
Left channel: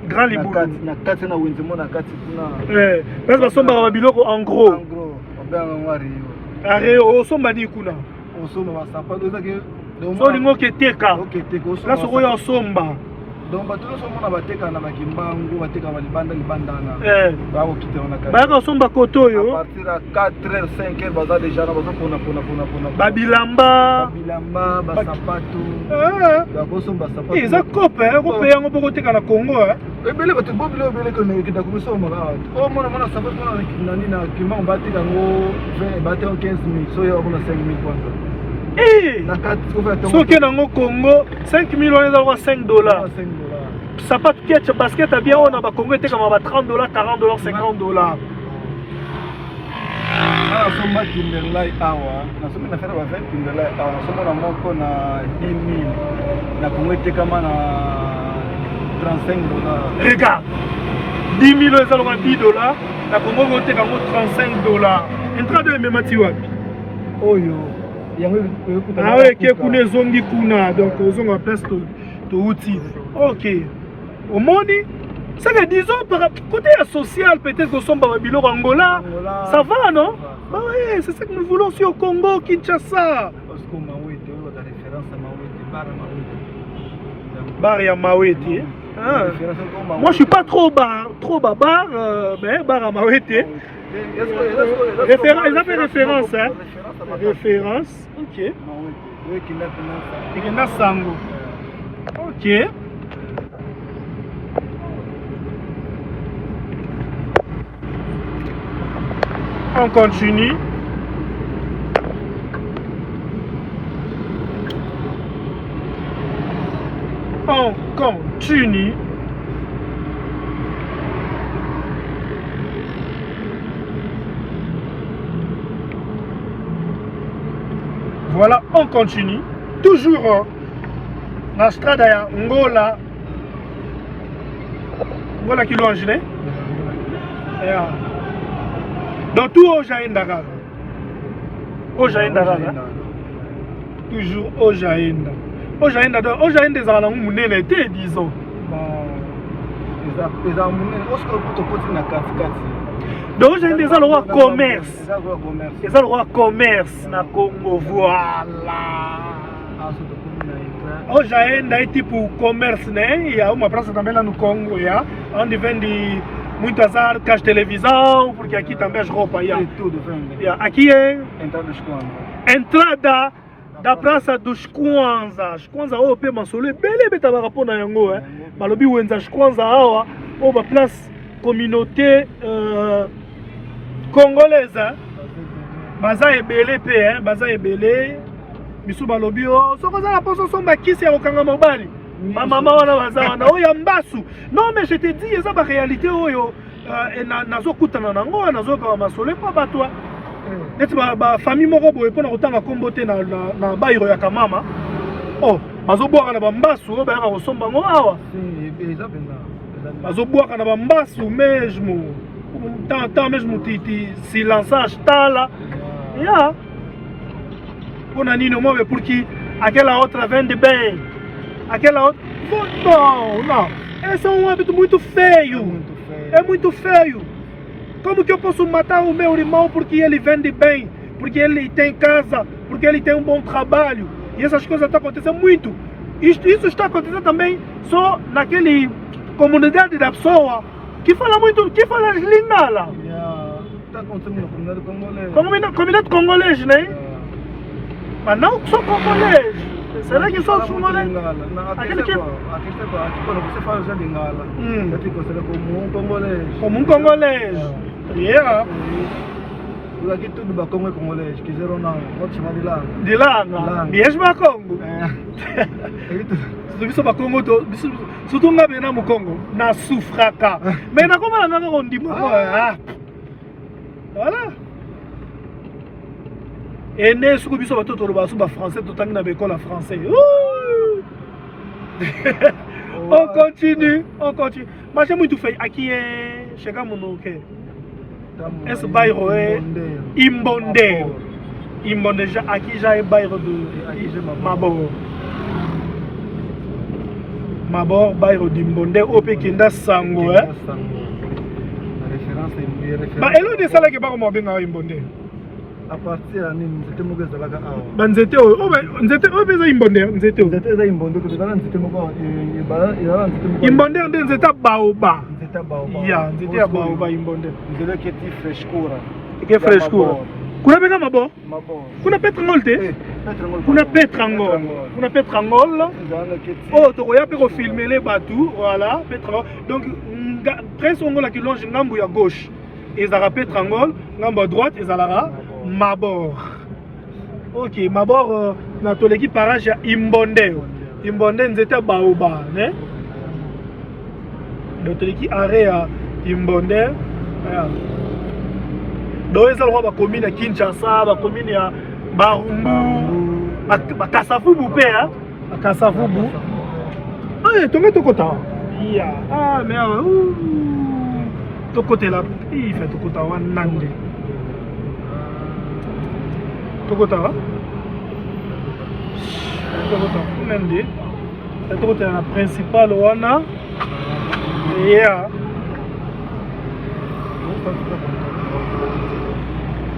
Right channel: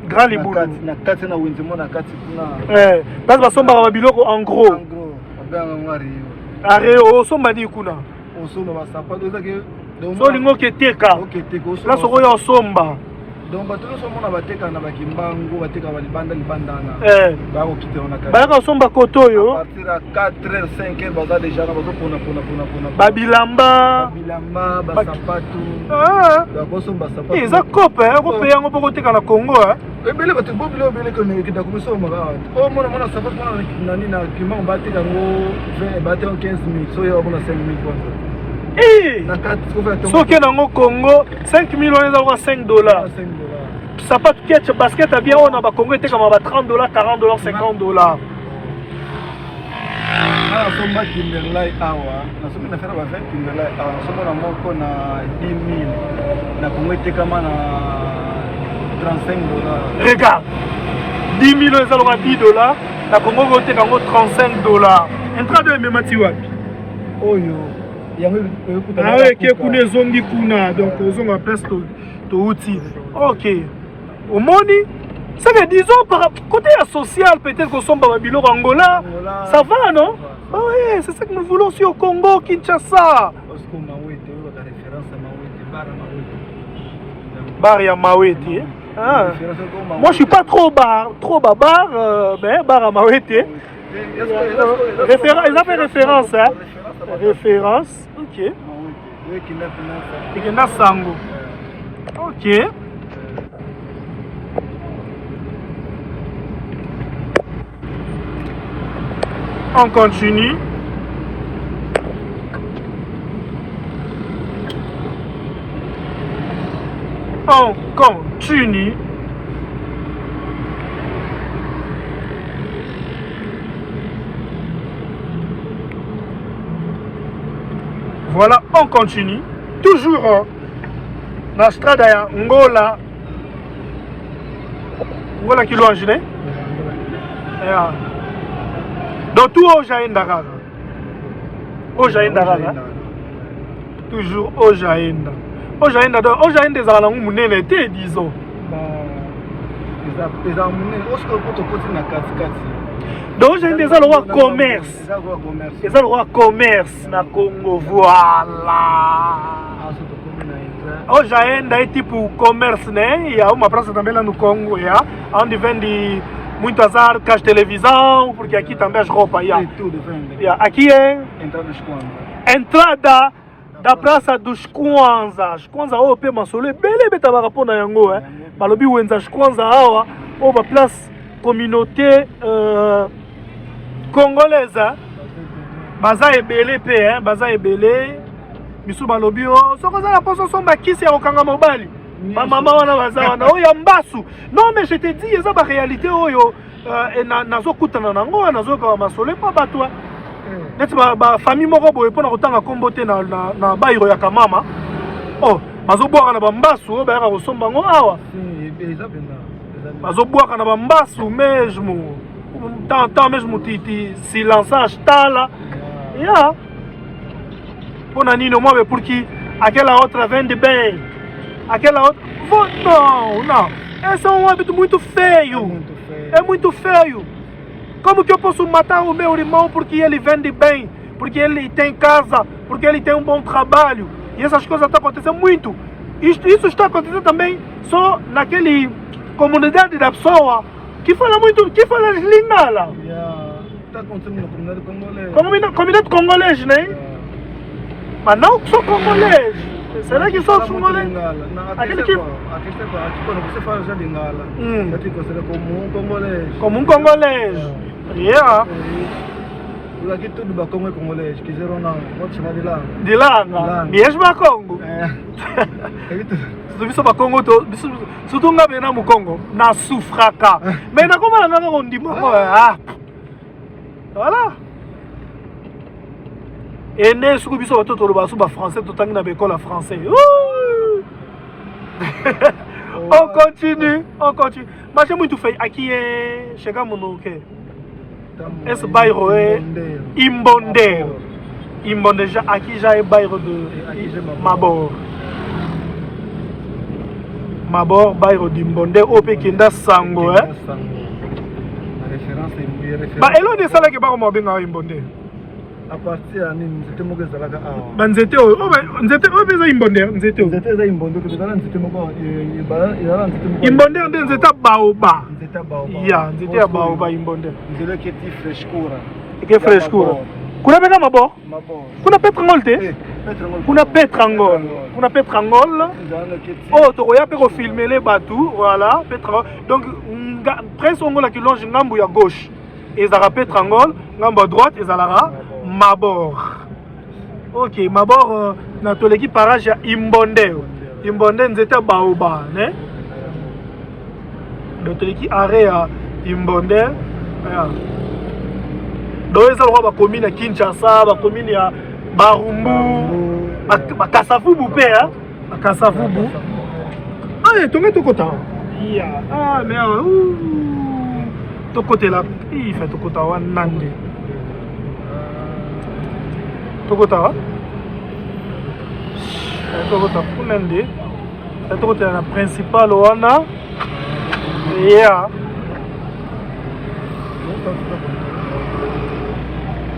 Grand libulu. Na kati na wenze mona kati na. Parce que somba ba biloko en gros. Areo somba ni kuna. Osomba ba sapato ezake. So lingo keteka. La soko yo somba. Donc bato nyonso mpona bateka na bakimbangu bateka libandana bakokite wana bayaka osomba koto oyo partir ya 4h 5h baza déjà na bazopona babilamba basapato bakosomba sapato eza kope ekope yango mpo koteka na Congo ebele bato bobile obele kokita komisomba omona sapato mpona nani na kimbangu bateka yango bateka 15 000 so yo abona 5 000 kwanza soki nango Congo 5 000 wana eza kwa $5 sapato ketch basket abia oyo na bakongo etekama ba $30 $40 $50 nasomba Timberlake awa nasoki nafana ba 20 Timberlake awa nasomona moko na 10 000 na kongo etekama na $35 regarde 10 000 eza loka $10 na kongo koteka yango $35 entrade ememati wapi oyo ke kuna ezongi kuna donc ozonga place touti ok omoni c'est que disons par côté social peut-être kosomba babiloko Angola ça va non oui c'est ça que nous voulons aussi au Congo Kinshasa bar ya Mawete moi je suis pas trop bar mais bar à Mawete référence, ils avaient référence hein référence ok Ikena Sango ok on continue voilà on continue toujours na strada ya Ngola kilwangine donc tout ojaenda kaka toujours ojaenda donc ojaenda ezala nango munene te disons donc ojaenda eza lokwa commerce eza lokwa commerce na Congo voilà ojaenda eti pour commerce ne ya uma praça também lá no Congo ya onde vende muitas arcas televisão porque aqui também as roupas ya aqui é entrada da praça dos Kwanza oyo pe masolo ebele betabaka mpona yango balobi wenza Kwanza awa oyo ba place communauté congolaise baza ebele pe baza ebele biso balobi soki oza na poso osomba kisi ya kokanga mobali bamama wana baza wana oyo ya mbasu non mais je te dis eza baréalité oyo nazokutana nango nazoyoka bamasolo mpo bato neti bafamille moko boye mpona kotanga kombo te na bayiro ya kamama bazobwaka na bambasu oyo bayaka kosomba yango awa bazobwaka na bambasu mesmo tant mesmo ti silançage tala ya mpona nini omwabe pour que aquela outra vende bem aquela outra não esse é um hábito muito feio é muito feio. Como que eu posso matar o meu irmão porque ele vende bem, porque ele tem casa, porque ele tem um bom trabalho? E essas coisas estão acontecendo muito. Isso está acontecendo também só naquele comunidade da pessoa que fala muito, que fala lingala. Está acontecendo na comunidade congolesa. Comunidade congolesa, né? Mas não só congolês. Será que só congolês? Aquele que... quando você fala já lingala, é que considera como um congolês. Como um congolês. Yeah. Por aqui tudo Bakongo é congolês, quiseram não, pode chamar de lá. De lá, mesmo Bakongo. Biso Bakongo, se tu não vem na Mukongo, na sufraka. Mas na como ela não onde voilà. Et né sur biso bato toloba so ba français to tangi na école français. On continue. Mas é muito feio. Aqui é chegamos no quê? Esse bairro é Imbondeiro. Imbondeiro, aqui já é bairro de Mabor. Mabor Bairo Dimbonde Ope Kenda Sango Ba elo ne sala ke ba mo benga Imbonde à partir ya nini nzete moko ezalaka awa banzete oyo eza Imbonde nzete eza Imbonde ezala nzete moko Imbonde nde nzete baoba ya nzete ya baoba Imbonde nzela keti frescura ke frescura kuna benga Mabor kuna Petrangol te kuna Petrangol oh tokoya pe ko filmer les bateaux voilà Petrangol donc presse ongola ki longe ngambu ya gauche ezala Petrangol ngambu à droite ezala Mabor. Ok, Mabor na toleki parage ya Imbonde nzete baoba ne na toleki arrêt ya Imbonde do eza lo ba commune ya Kinshasa ba commune ya Barumbu Bakasavubu pe ya Bakasavubu toke tokota ya mais tokotela il fait tokota wa nande tokota punende tokota na principal wana ya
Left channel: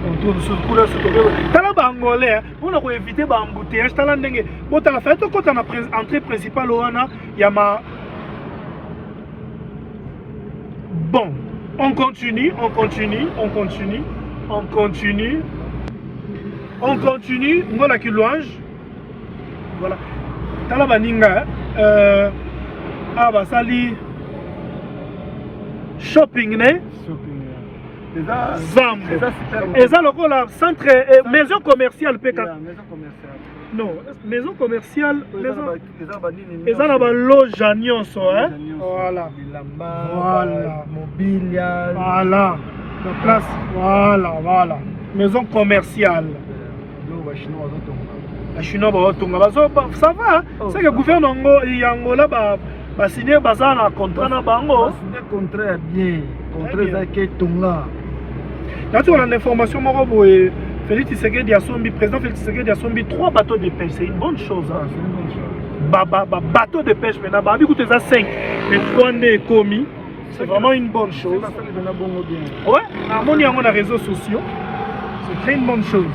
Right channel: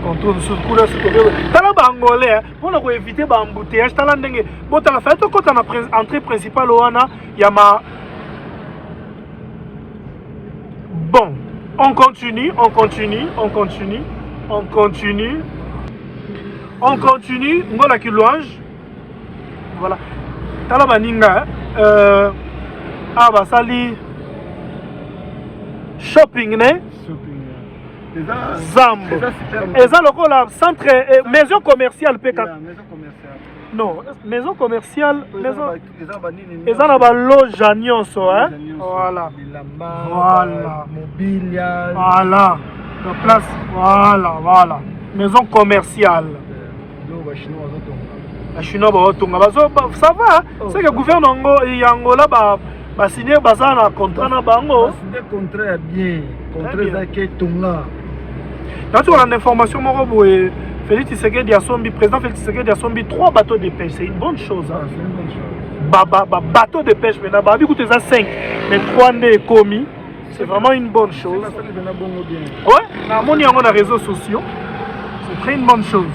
contrôle sur couleur sur tala ba angolais on a ko éviter ba embouteillage tala ndenge botala fa tokota na entrée principale wana ya ma bon on continue ngona ki louange voilà tala baninga basali shopping ne zambo eza lokola centre maison commerciale peka non maison commerciale eza na baloge nyonso voilà mobilier voilà la place voilà maison commerciale Chinois baotunga ça va c'est que gouvernement yangola ba signer baza na contrat na bango signer contrat bien contrat za ke tunga là tu as l'information moko boye Félix Tshisekedi Asombi président Félix Tshisekedi Asombi 3 bateaux de pêche c'est une bonne chose bateau de pêche maintenant ba écoute ça 5 mais 3 né commis c'est vraiment une bonne chose ouais na moni yango na réseaux sociaux c'est très une bonne chose.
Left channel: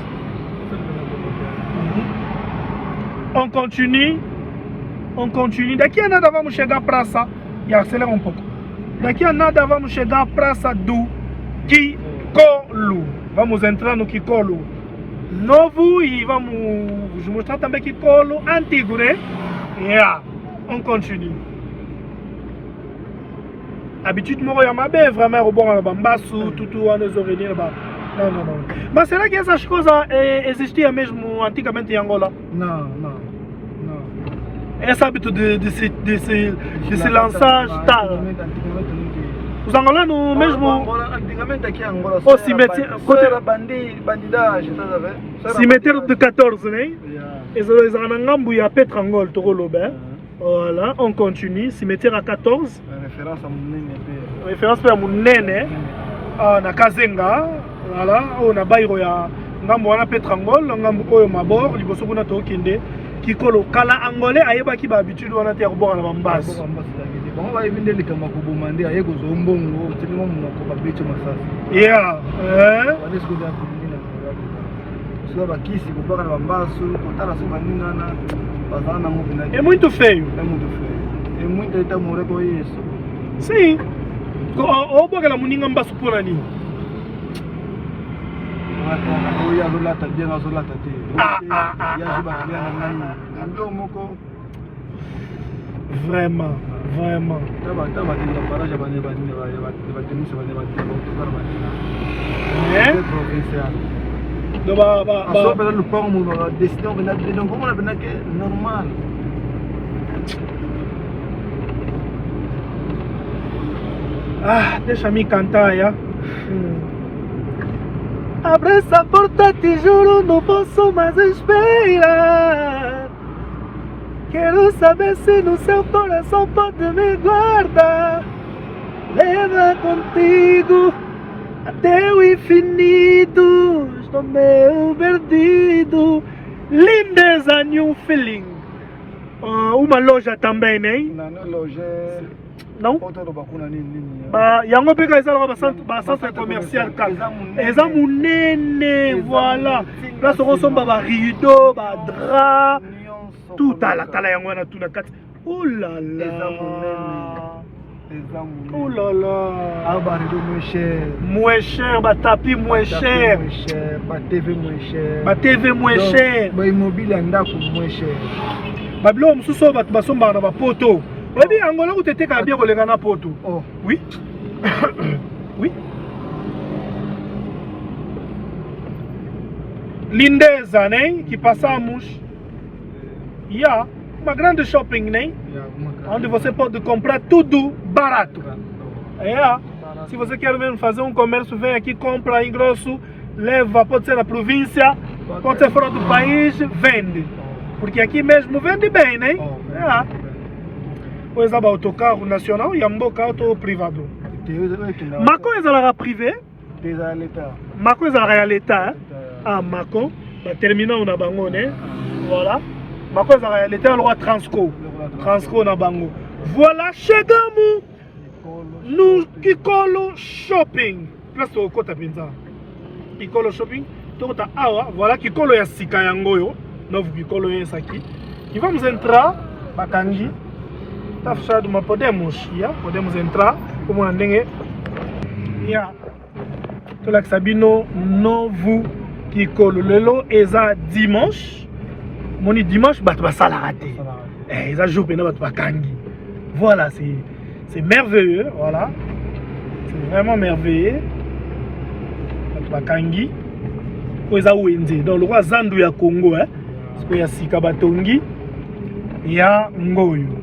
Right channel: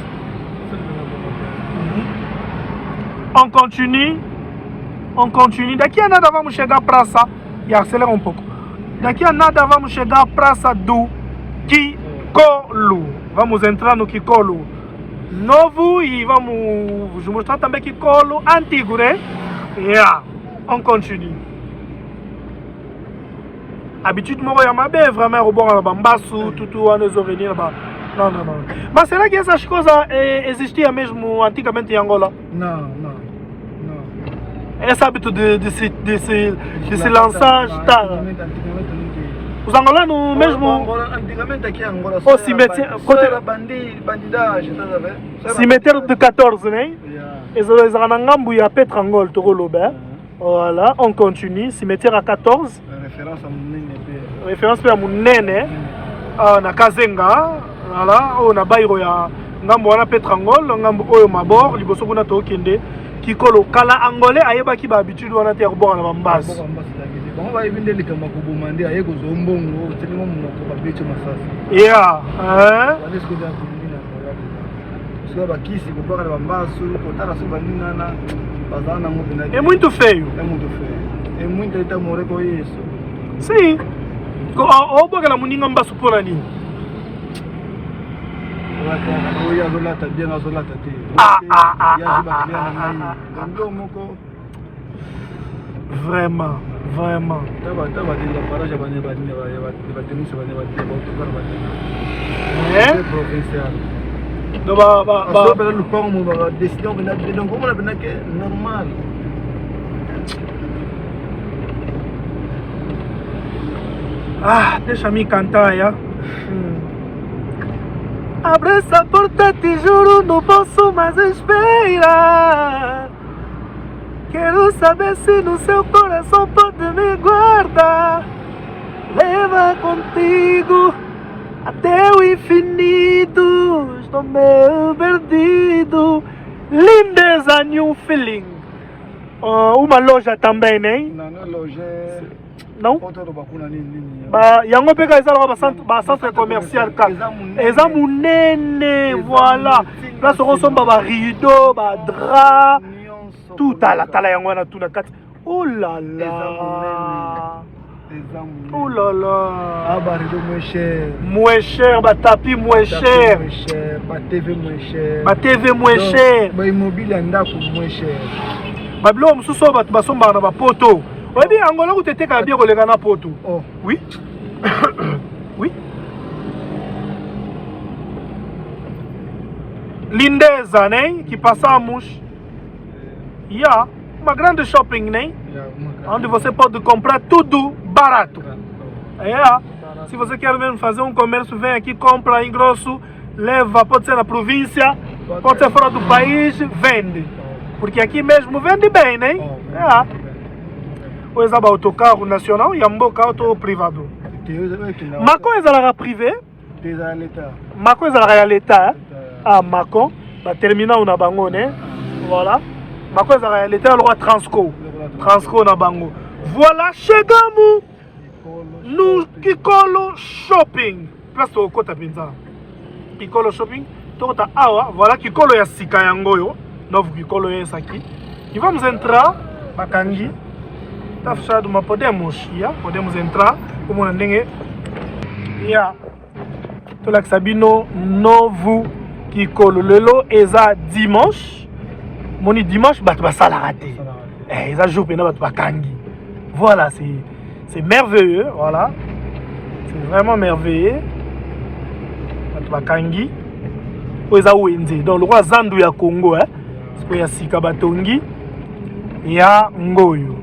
On continue. Daqui a nada vamos chegar à praça e acelerar um pouco. Daqui a nada vamos chegar à praça do Kikolo. Vamos entrar no Kikolo novo e vamos mostrar também Kikolo antigo, né? Yeah. On continue. Habitude moro ya mabe vraiment au bon bambasu tutu wana zoreni ba. Non. Mas será que essas coisas existiam mesmo antigamente em Angola? Não. Esse hábito de se lançar está. Os angolanos mesmo. Antigamente aqui em Angola. O cemitério. Bandidagem, cemitério de 14, né? Eles eram na Ngambu e a Petrangol, Torolobe. Voilà, on continue. Cemitério à 14. Référence para Munene. Na Kazenga. Voilà, on a Bairo ya Ngambu wana Petrangol, Ngambu oyo Mabor, liboso kuna tokende. Kikolo kala angolais ayeba ki ba habitude wana te ko na bambasi bon ba ibinde likama ko bomande aye ko zombongo tino mo ko ba biche masasa yeah wale siku ya sio ba kisi ko ba bambasu ko tana so banina na bazana mo bina é muito feio é muito tá more ko isso sim o boga la muninga mbasu pona nini Vraiment. Deixa-me cantar, ya. Abre essa porta, te juro, não posso mais esperar. Quero saber se no seu coração pode me guardar. Leva contigo até o infinito. Estou meio perdido. Lindeza, new feeling. Uma loja também, né? Non? Bah, yango peka ezala ba centre commercial ka. Eza munene, voilà. Place on somba ba rideau, ba drap, tout à la tala yango na tout na kati. Oh là là. Oh là là. Ah bah rideau moins cher. Moins cher, ba tapis moins cher. Ba TV moins cher. Ba TV moins cher. Ba immobilier ndako moins cher. Ba bilo mususu ba basomba na ba poto. Oui, bien, Angola, vous êtes bien collé à Poto. Oh. Oui. Oui. L'Indeza, qui passe en mouche. Il y a ma grande shopping, on vous pas de comprar tudo barato. Si vous querem fazer comércio, vem aqui, compra em grosso, leva, pode ser na província, pode ser fora do país, vende. Porque aqui mesmo vende bem, né? Coisa ba autocarro nacional e amboka auto privado. Ma coisa la privé? Ma coisa la l'État. Ah, Macon, ba terminal na bango, né? Voilà. Ma coisa la l'État le roi Transco. Transco na bango. Voilà, chegamos no Kikolo Shopping. Place au kota pinza. Kikolo Shopping. Tota awa, voilà Kikolo ya sika yango yo. Novo Kikolo ya saki. E vamos entrar bakangi. Tá fechado, mas podemos entrar como na dengue. Tô lá que sabino novo Kikolo lelo eza dimanche. Moni dimanche bat ba sala raté. Eza jour pena bat ba kangi. Voilà, c'est merveilleux, voilà. C'est vraiment merveilleux. Bat ba kangi. Eza wenze. Donc le roi Zandu ya Congo hein. Parce que ya sika batongi ya ngoyo.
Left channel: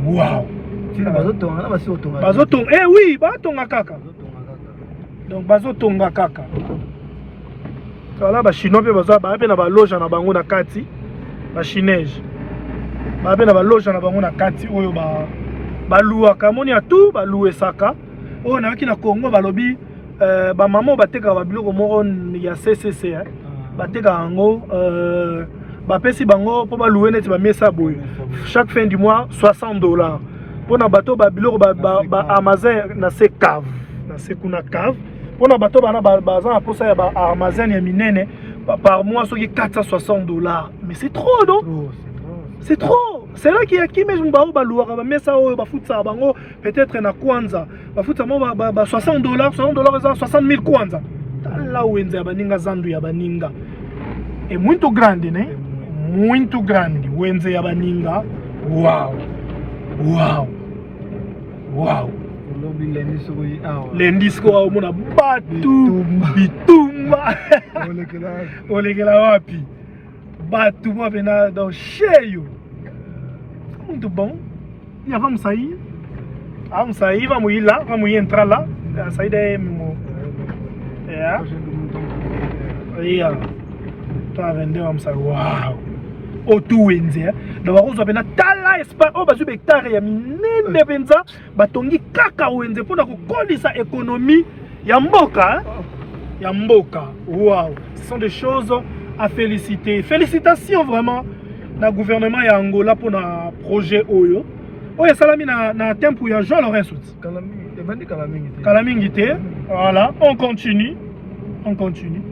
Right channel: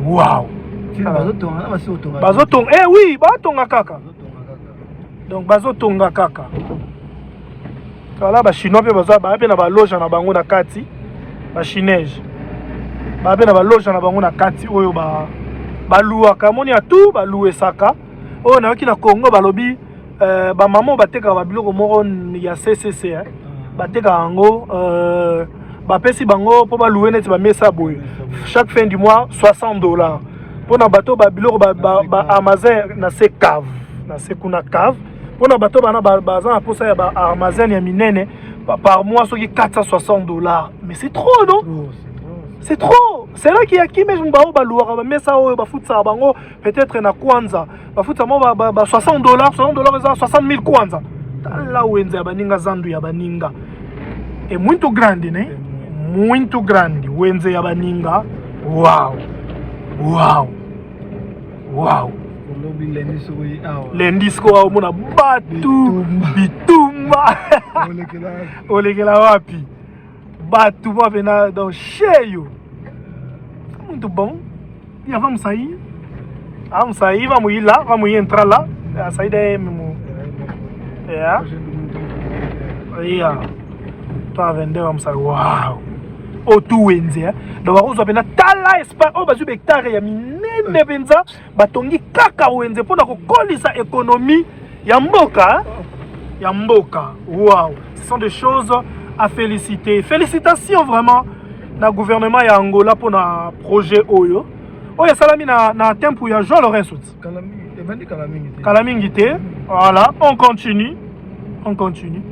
Wow! Bazotonga, eh oui, bazotonga kaka. Donc bazotonga kaka. Kala ba chinois pe bazo ba pe na ba loge na bango na kati. Ba chinese. Ba pe na ba loge na bango na kati oyo ba luwa kamoni ya tout ba louer saka. Oyo na ki na Congo balobi ba maman bateka ba biloko moko ya CCC hein. Bateka ngo bapesi bango po balouer neti ba mesa boye. Chaque fin du mois $60. Pour na bateau ba biloko ba Amazon na se cave, na se kuna cave. Pour na bateau bana bazan pour ça ya ba Amazon ya minene par mois soki $460. Mais c'est trop non? C'est trop. C'est là qui a qui mesmo ba louer ba mesa o ba futsa bango peut-être na kwanza. Ba futsa mo ba $60, $60 eza 60,000 kwanza. Là où enza baninga zandu ya baninga. É muito grande, né? Muito grande. Wenze ya baninga. Wow. Wow. Wow. Lendisco au mona batu bitumba. Olekela wapi. Batu ma vena dans cheio. Muito bom. E vamos sair. Vamos sair, vamos ir lá, vamos entrar lá. A saída é tá vendo, vamos sair. Uau. O tu wenzi hein. Donc bakozo pena tala espace o bazu hectare ya minene benza batongi kaka wenzi pour ko kolisa économie ya mboka. Ya mboka. Waouh. Ce sont des choses à féliciter. Félicitations vraiment na gouvernement ya Angola pour na projet oyo. Oya salami na tempo ya Jean Laurent Souti. Kalamingité. Voilà, on continue. On continue.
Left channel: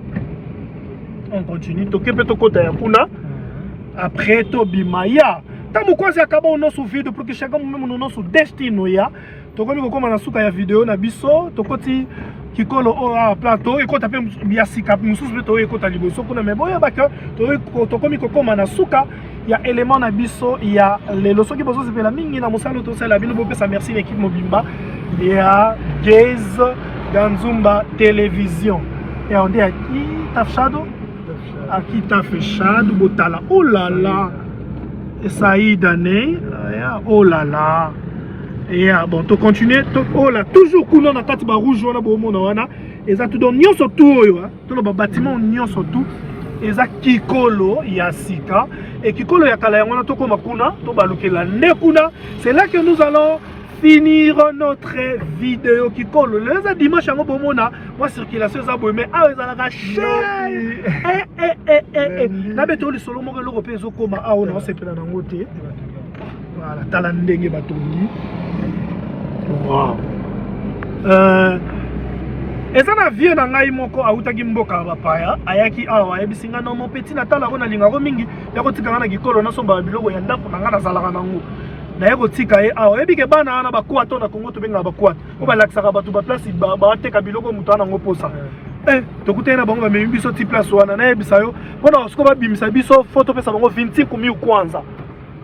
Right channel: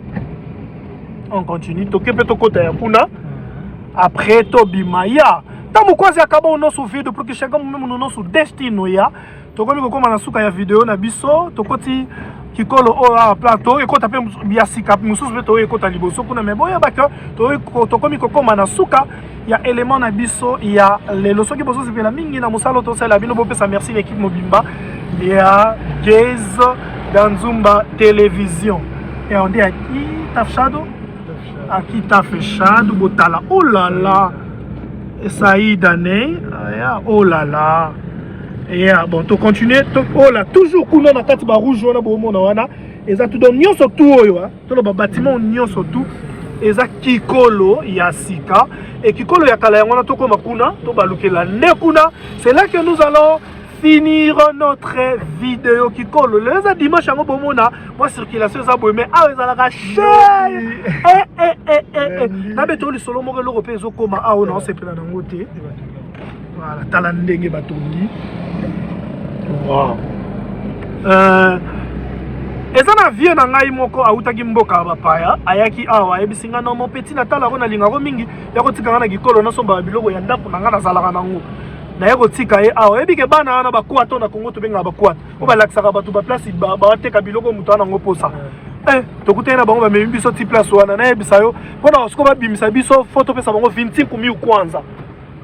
On continue. Tokepe tokota ya kuna. Après Tobimaya. Tamo kwasi akaba o nosso vídeo porque chegamos mesmo no nosso destino ya. Tokomi kokoma na suka ya video na biso, tokoti Kikolo o plateau e kota pe biasika mususu be to e kota liboso kuna me boya baka to tokomi kokoma na suka ya élément na biso ya lelo soki boso sepela mingi na musalo to sala bino bopesa merci l'équipe Mobimba ya Gaze Ganzumba Télévision. Et on dit aqui tá fechado? Aqui tá fechado, botala. Oh là là. Saïda né. Oh là là. Bon, tu continues. Oh là, toujours kuna na kati ba rouge wana bo mona wana. Eza tout donc nyonso tout oyo, hein. Tout le bâtiment nyonso tout. Eza Kikolo ya sika et Kikolo ya kala yango na to koma kuna, to balukela ne kuna. C'est là que nous allons finir notre vidéo qui colle. Les dimanche, moi circulation, mais ah, ils ont la cher. Nabeto le solo mo l'européen zo koma ah non c'est pas dans côté. Voilà, talandenge batongi. Wow. Eza na vie na ngai moko autaki mboka bapaya ayaki awa ebisinga no mon petit natala ko na linga ko mingi ya ko tikanga na gikolo na somba biloko ya ndako na ngana zalaka nango na ya ko tika ye awa ebike bana na bakwata na Kongo to benga bakwata ko balakisaka bato ba place ba teka biloko mutu na ngo posa tokutana bango ba memi biso ti place wana na ebisa yo pona siko ba bimisa biso photo pesa bango 25,000 kwanza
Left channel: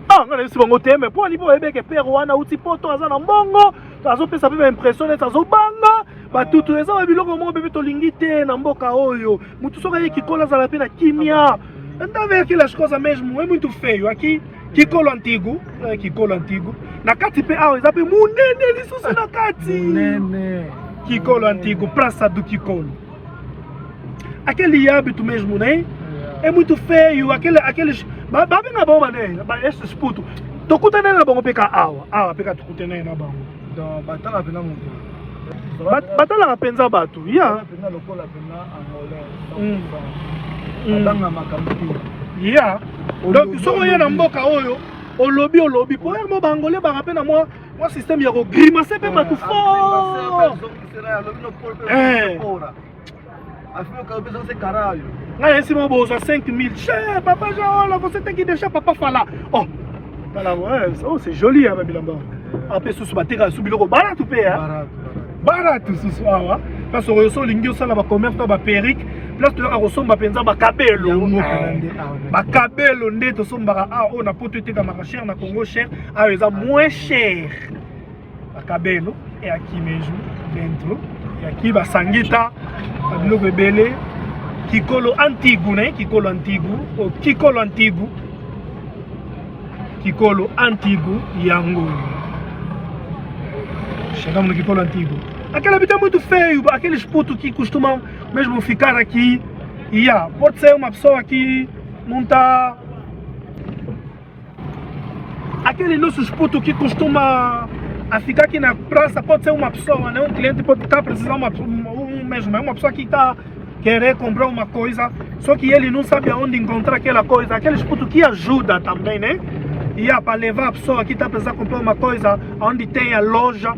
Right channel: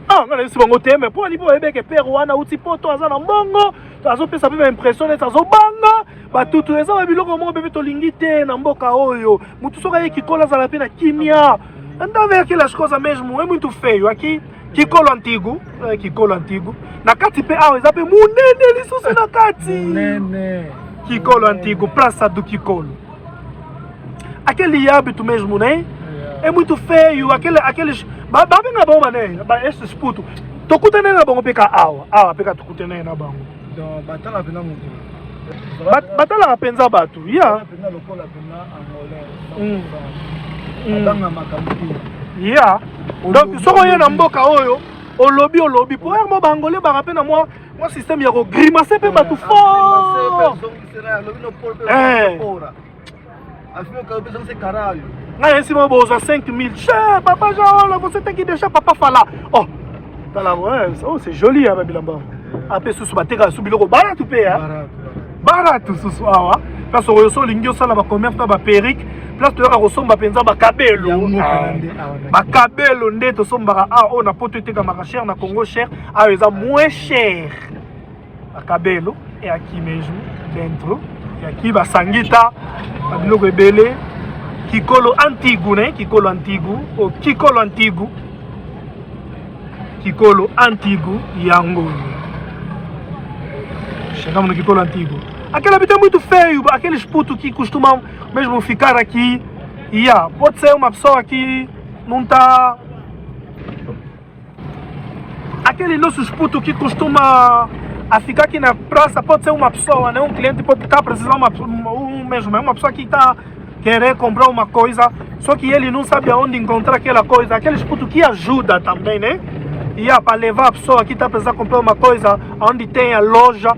ngana biso bango teme po libo ebeke père wana uti poto azana mbongo azo pesa pe impression et azo banga batutu eza ba biloko mo bebe tolingi te na mboka oyo mutu soka ye kikola za la pena kimia anda ver aquelas coisas mesmo é muito feio aqui kikolo antigo na kati pe awa eza pe munene lisusu na kati munene kikolo antigo praça do kikolo aquele hábito mesmo né é muito feio aqueles babenga bom mané esses putos tokutana na bango peka awa peka tokutana na bango donc batala pena mutu batala penza bato ya pena lokola pena ya donc soko ye na mboka oyo olobi po mo bangole ba pe na moi système ya ko grimacer pe bato fort na esi mo boza 5,000 cher papa Jean vous êtes qui déjà papa fala oh tala c'est joli ya babilamba ape susu bateka su biloko baratu pe ya baratu susu awa place oyo so lingi osala ba commerce na ba perruque place to yakosomba penza bakabelo nde tosombaka oyo na poto etekamaka cher na Congo cher ayo eza moins cher bakabelo eyaki mesmo dentro eyaki basangita babiloko ebele kikolo antigu ne kikolo antigu yango chegamos no Kikolo antigo. Aquela habitação é muito feio, aqueles putos que costumam mesmo ficar aqui. Pode ser uma pessoa que não está. Aqueles nossos putos que costuma a ficar aqui na praça, pode ser uma pessoa, né? Um cliente pode estar precisando uma pessoa que está querer comprar uma coisa, só que ele não sabe aonde encontrar aquela coisa. Aqueles putos que ajudam também, né? Para levar a pessoa que está precisando comprar uma coisa, onde tem a loja.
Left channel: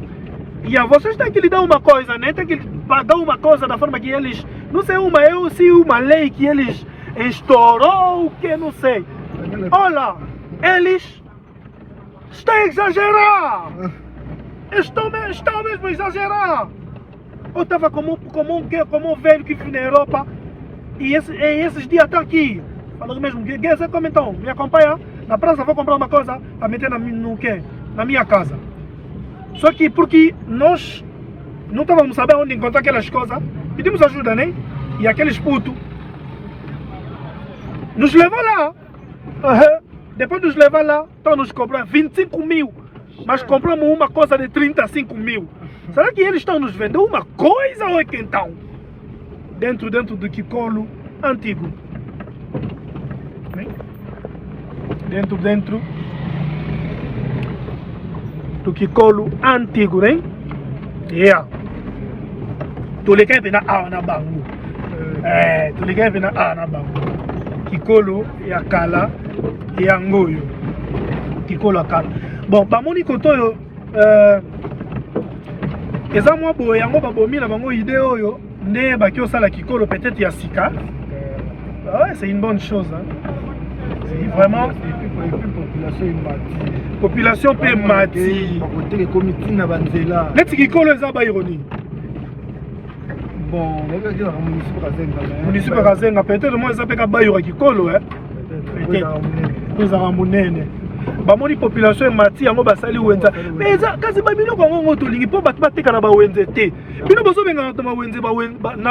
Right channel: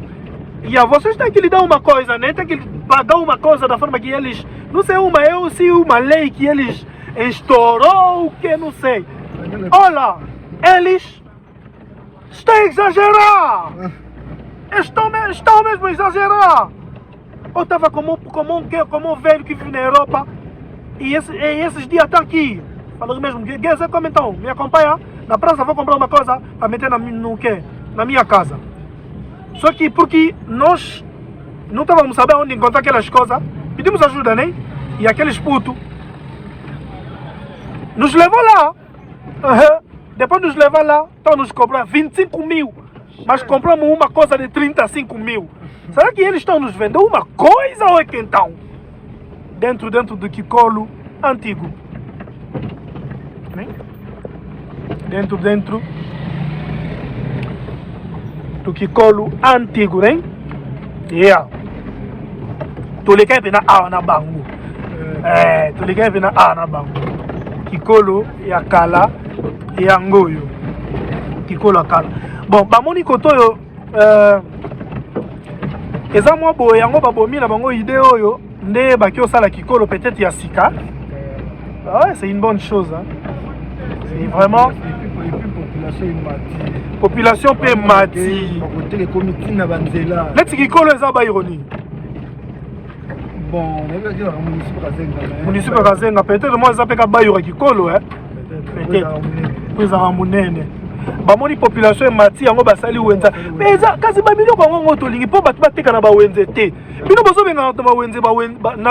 Vocês têm que lhe dar uma coisa, né? Tem que pagar uma coisa da forma que eles... Não sei, uma lei que eles estourou, que não sei. Olha, eles estão a exagerar. Estão mesmo a exagerar. Eu estava como um velho que vive na Europa e esses dias está aqui. Falando mesmo, como então? Me acompanha? Na praça vou comprar uma coisa para meter na minha casa. Só que porque nós não estávamos sabendo onde encontrar aquelas coisas, pedimos ajuda, né? E aqueles putos nos levou lá. Depois nos levar lá, estão nos cobrando 25,000. Mas compramos uma coisa de 35,000. Será que eles estão nos vendendo uma coisa ou é que então? Dentro do Kikolo antigo. Né? Dentro do Kikolo antigo, né? Tu liga na na bangu. Tu liga na bangu. Kikolo ya kala ya ngoyo. Kikolo akala. Bon, bamoni kotoyo eza mwa boye yango babomi na bango idée oyo nde baki osala Kikolo peut-être ya sika. C'est une bonne chose, hein. C'est vraiment population pe mati. Neti Kikolo eza ba ironie. Bon, municipal Kazenga peut-être moi eza peka ba yora Kikolo, hein. Peut-être. Nous avons munene. Bamoni population mati yango basali wenza. Mais eza kasi ba biloko ngo tolingi po batu bateka na ba wenze te. Bino bozo benga na ba wenze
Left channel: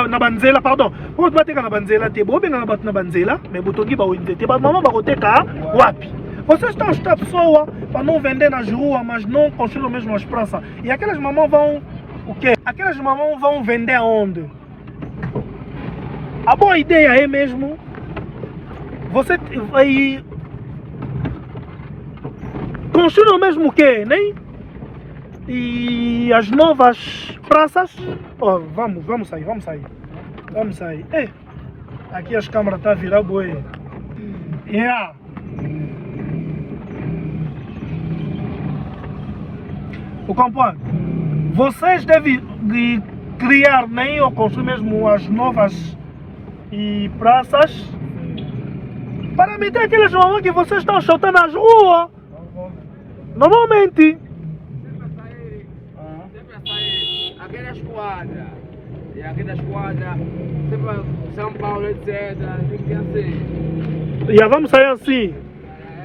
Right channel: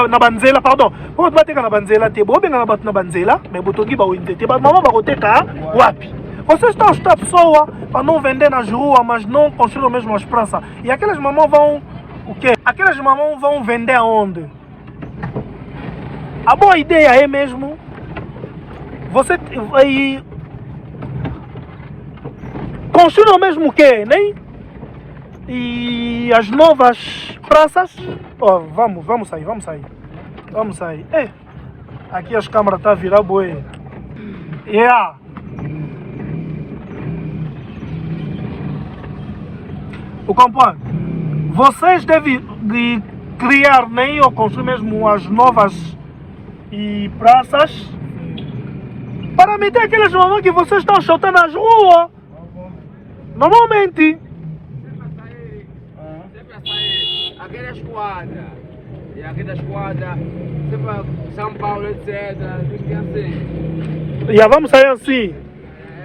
na banzela pardon. Po batu bateka na banzela te. Bo benga na batu na banzela, mais botongi ba wenze te. Ba mama ba koteka wapi? Vocês estão a pessoa para não vender na rua, mas não construir mesmo as praças. E aquelas mamães vão o quê? Aquelas mamães vão vender aonde? A boa ideia é mesmo você vai construir o mesmo que, né? e as novas praças. Oh, vamos sair. Aqui as câmeras estão a virar boi. Yeah. O companheiro, vocês devem criar nem ou construir mesmo as novas praças para meter aqueles mamães que vocês estão chutando nas ruas. Normalmente. Sempre sai aquela esquadra. E aquela esquadra, sempre São Paulo, etc. Tem que ser assim. Yeah, vamos sair assim.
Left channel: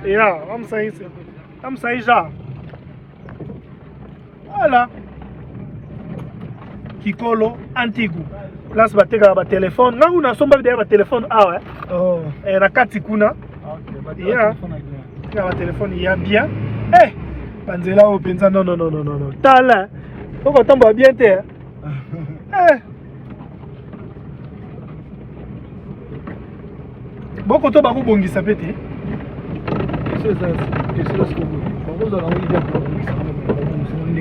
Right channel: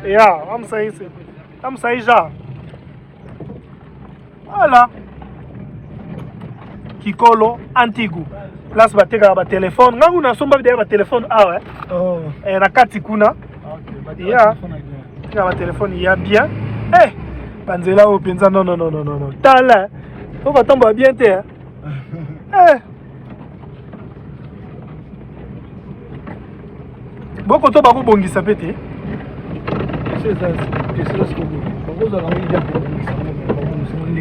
Yeah, vamos sair assim. Vamos sair já. Olha. Kikolo antigo. Place bateka ba telefone. Ngangu na somba bidea ba telefone awa. Oh. Na kati kuna. Okay, Yeah. Tika ba telefone ya bien. Eh, panzela o penza non. Tala. Ko batomba bien te. Eh. Boko to ba ko bongisa pete.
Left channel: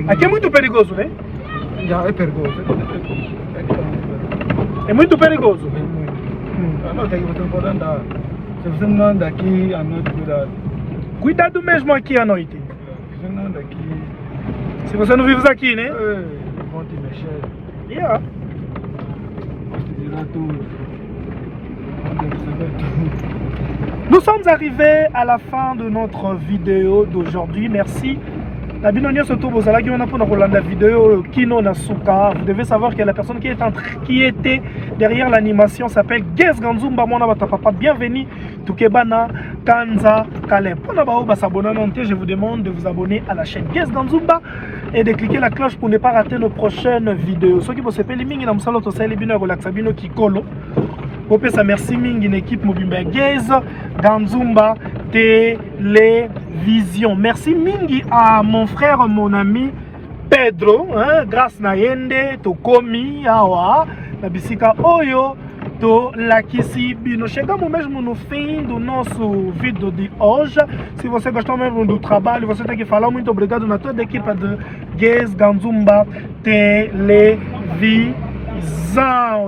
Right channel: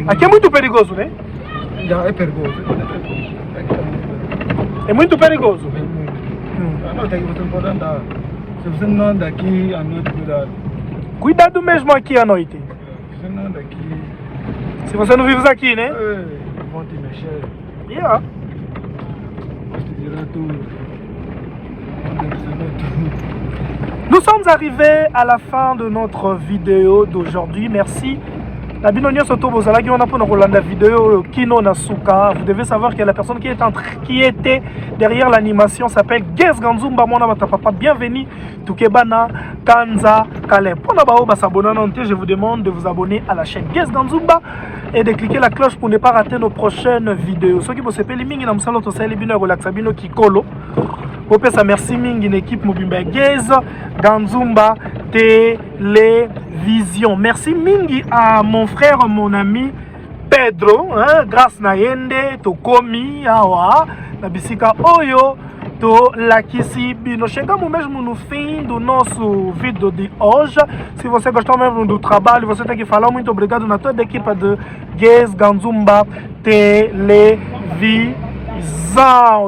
Aqui é muito perigoso, né? É perigoso. É muito perigoso. Não, tem que você pode andar. Se você não anda aqui à noite, cuidado. Cuidado mesmo aqui à noite. Se você não anda aqui. Se você não vive aqui, né? Vão te mexer. Yeah. Tirar tudo. Nous sommes arrivés à la fin de notre vidéo d'aujourd'hui. Merci. La binonio soto bozala qui on a pour la vidéo Kino Nasuka. Vous devez savoir que la personne qui était derrière l'animation s'appelle Guess Ganzumba Mona Papa. Bienvenue Tukebana Kanza Kale. Pour la bao s'abonner, je vous demande de vous abonner à la chaîne Guess Ganzumba et de cliquer la cloche pour ne pas rater nos prochaines vidéos. Ceux qui vont s'appeler mingi na musalo to sale bino relaxabino Kikolo. Popesa merci mingi une équipe Mobimba Guess Ganzumba Télévision. Merci mingi à mon frère, mon ami Pedro, hein, grâce na yende to komi awa na bisika oyo to lakisi bino. Chegamos mesmo no fim do nosso vídeo de hoje. Se você gostou mesmo do trabalho, você tem que falar muito obrigado na toda a equipe de Guess Ganzumba Televisão.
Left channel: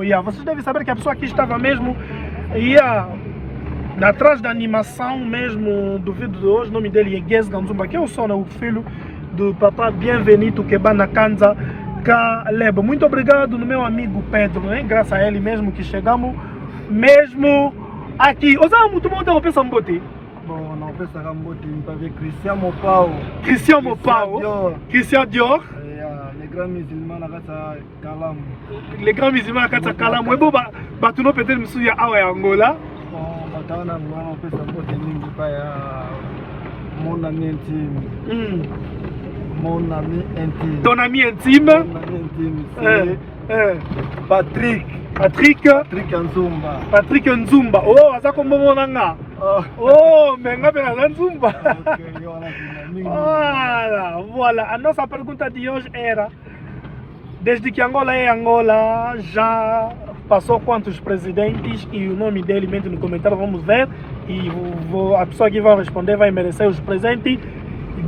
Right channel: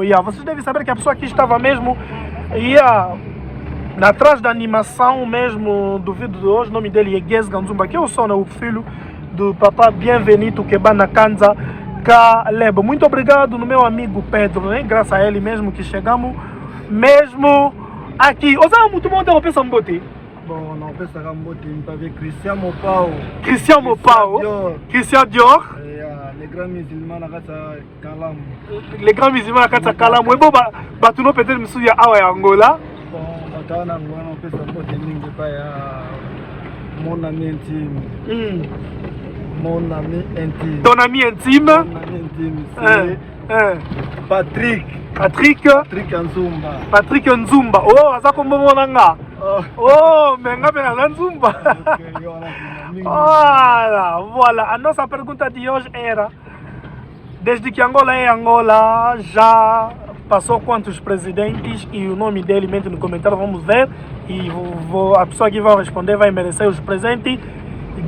Yeah. Vocês devem saber que a pessoa aqui estava mesmo atrás da animação mesmo do vídeo de hoje. O nome dele é Guess Ganzumba, que é o sono, o filho do papá Bienvenido Kebana Kanza Kalebo. Muito obrigado no meu amigo Pedro, né? Graças a ele mesmo que chegamos mesmo aqui. Osama muito bom ter uma peça mboti. Bom, não pensa que mboti, tá vendo Christian Mopao. Christian Dior. Les grands musulmans na kata Kalamu. Les grands musulmans na kata Kalamu. Ebo batuno peut-être misuya awa ya Angola. Taona ngwana pesa mboti nyingi pa ya mon ami intime. Mon ami intime. Ton ami intime? Patrick Nzumba. Patrick Nzumba. Oh, aza komomona nga. Oh, menga pena Nzumba. Voilà. A nossa pergunta de hoje era: desde que Angola é Angola, já passou quantos presidentes? E o nome dele, mente no comentário, vamos ver. E a pessoa que vai responder vai merecer os presentes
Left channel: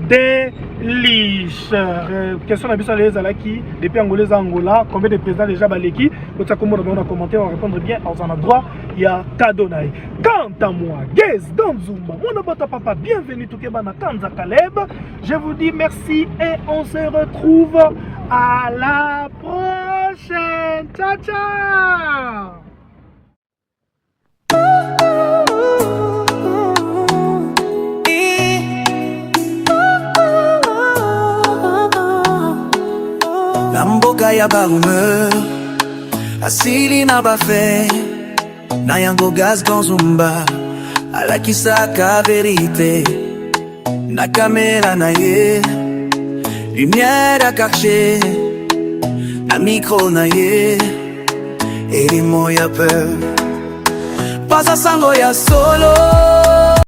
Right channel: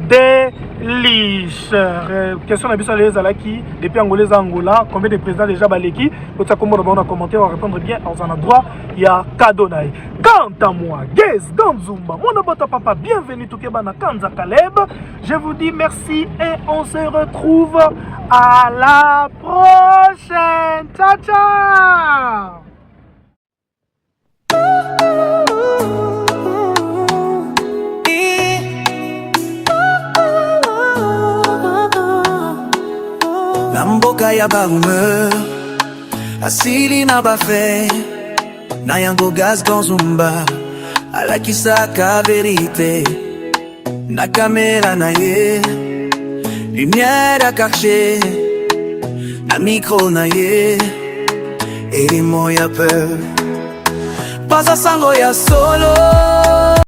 deles. Question na biso les alaki depuis angolais Angola, combien de présidents déjà baleki? Vous savez comment on a commenté, on va répondre bien, on a droit, il y a cadeau naï. Quant à moi, Guess Ganzumba, mon abato papa, bienvenue tout Kebana Kanza Kaleb. Je vous dis merci et on se retrouve à la prochaine. Ciao ciao. Na mboka ya barumeur asili na bafe na yango Guess Ganzumba alakisaka verite na kamera na ye lumière à cacher na micro na ye elimo ya peur pasa sango ya solo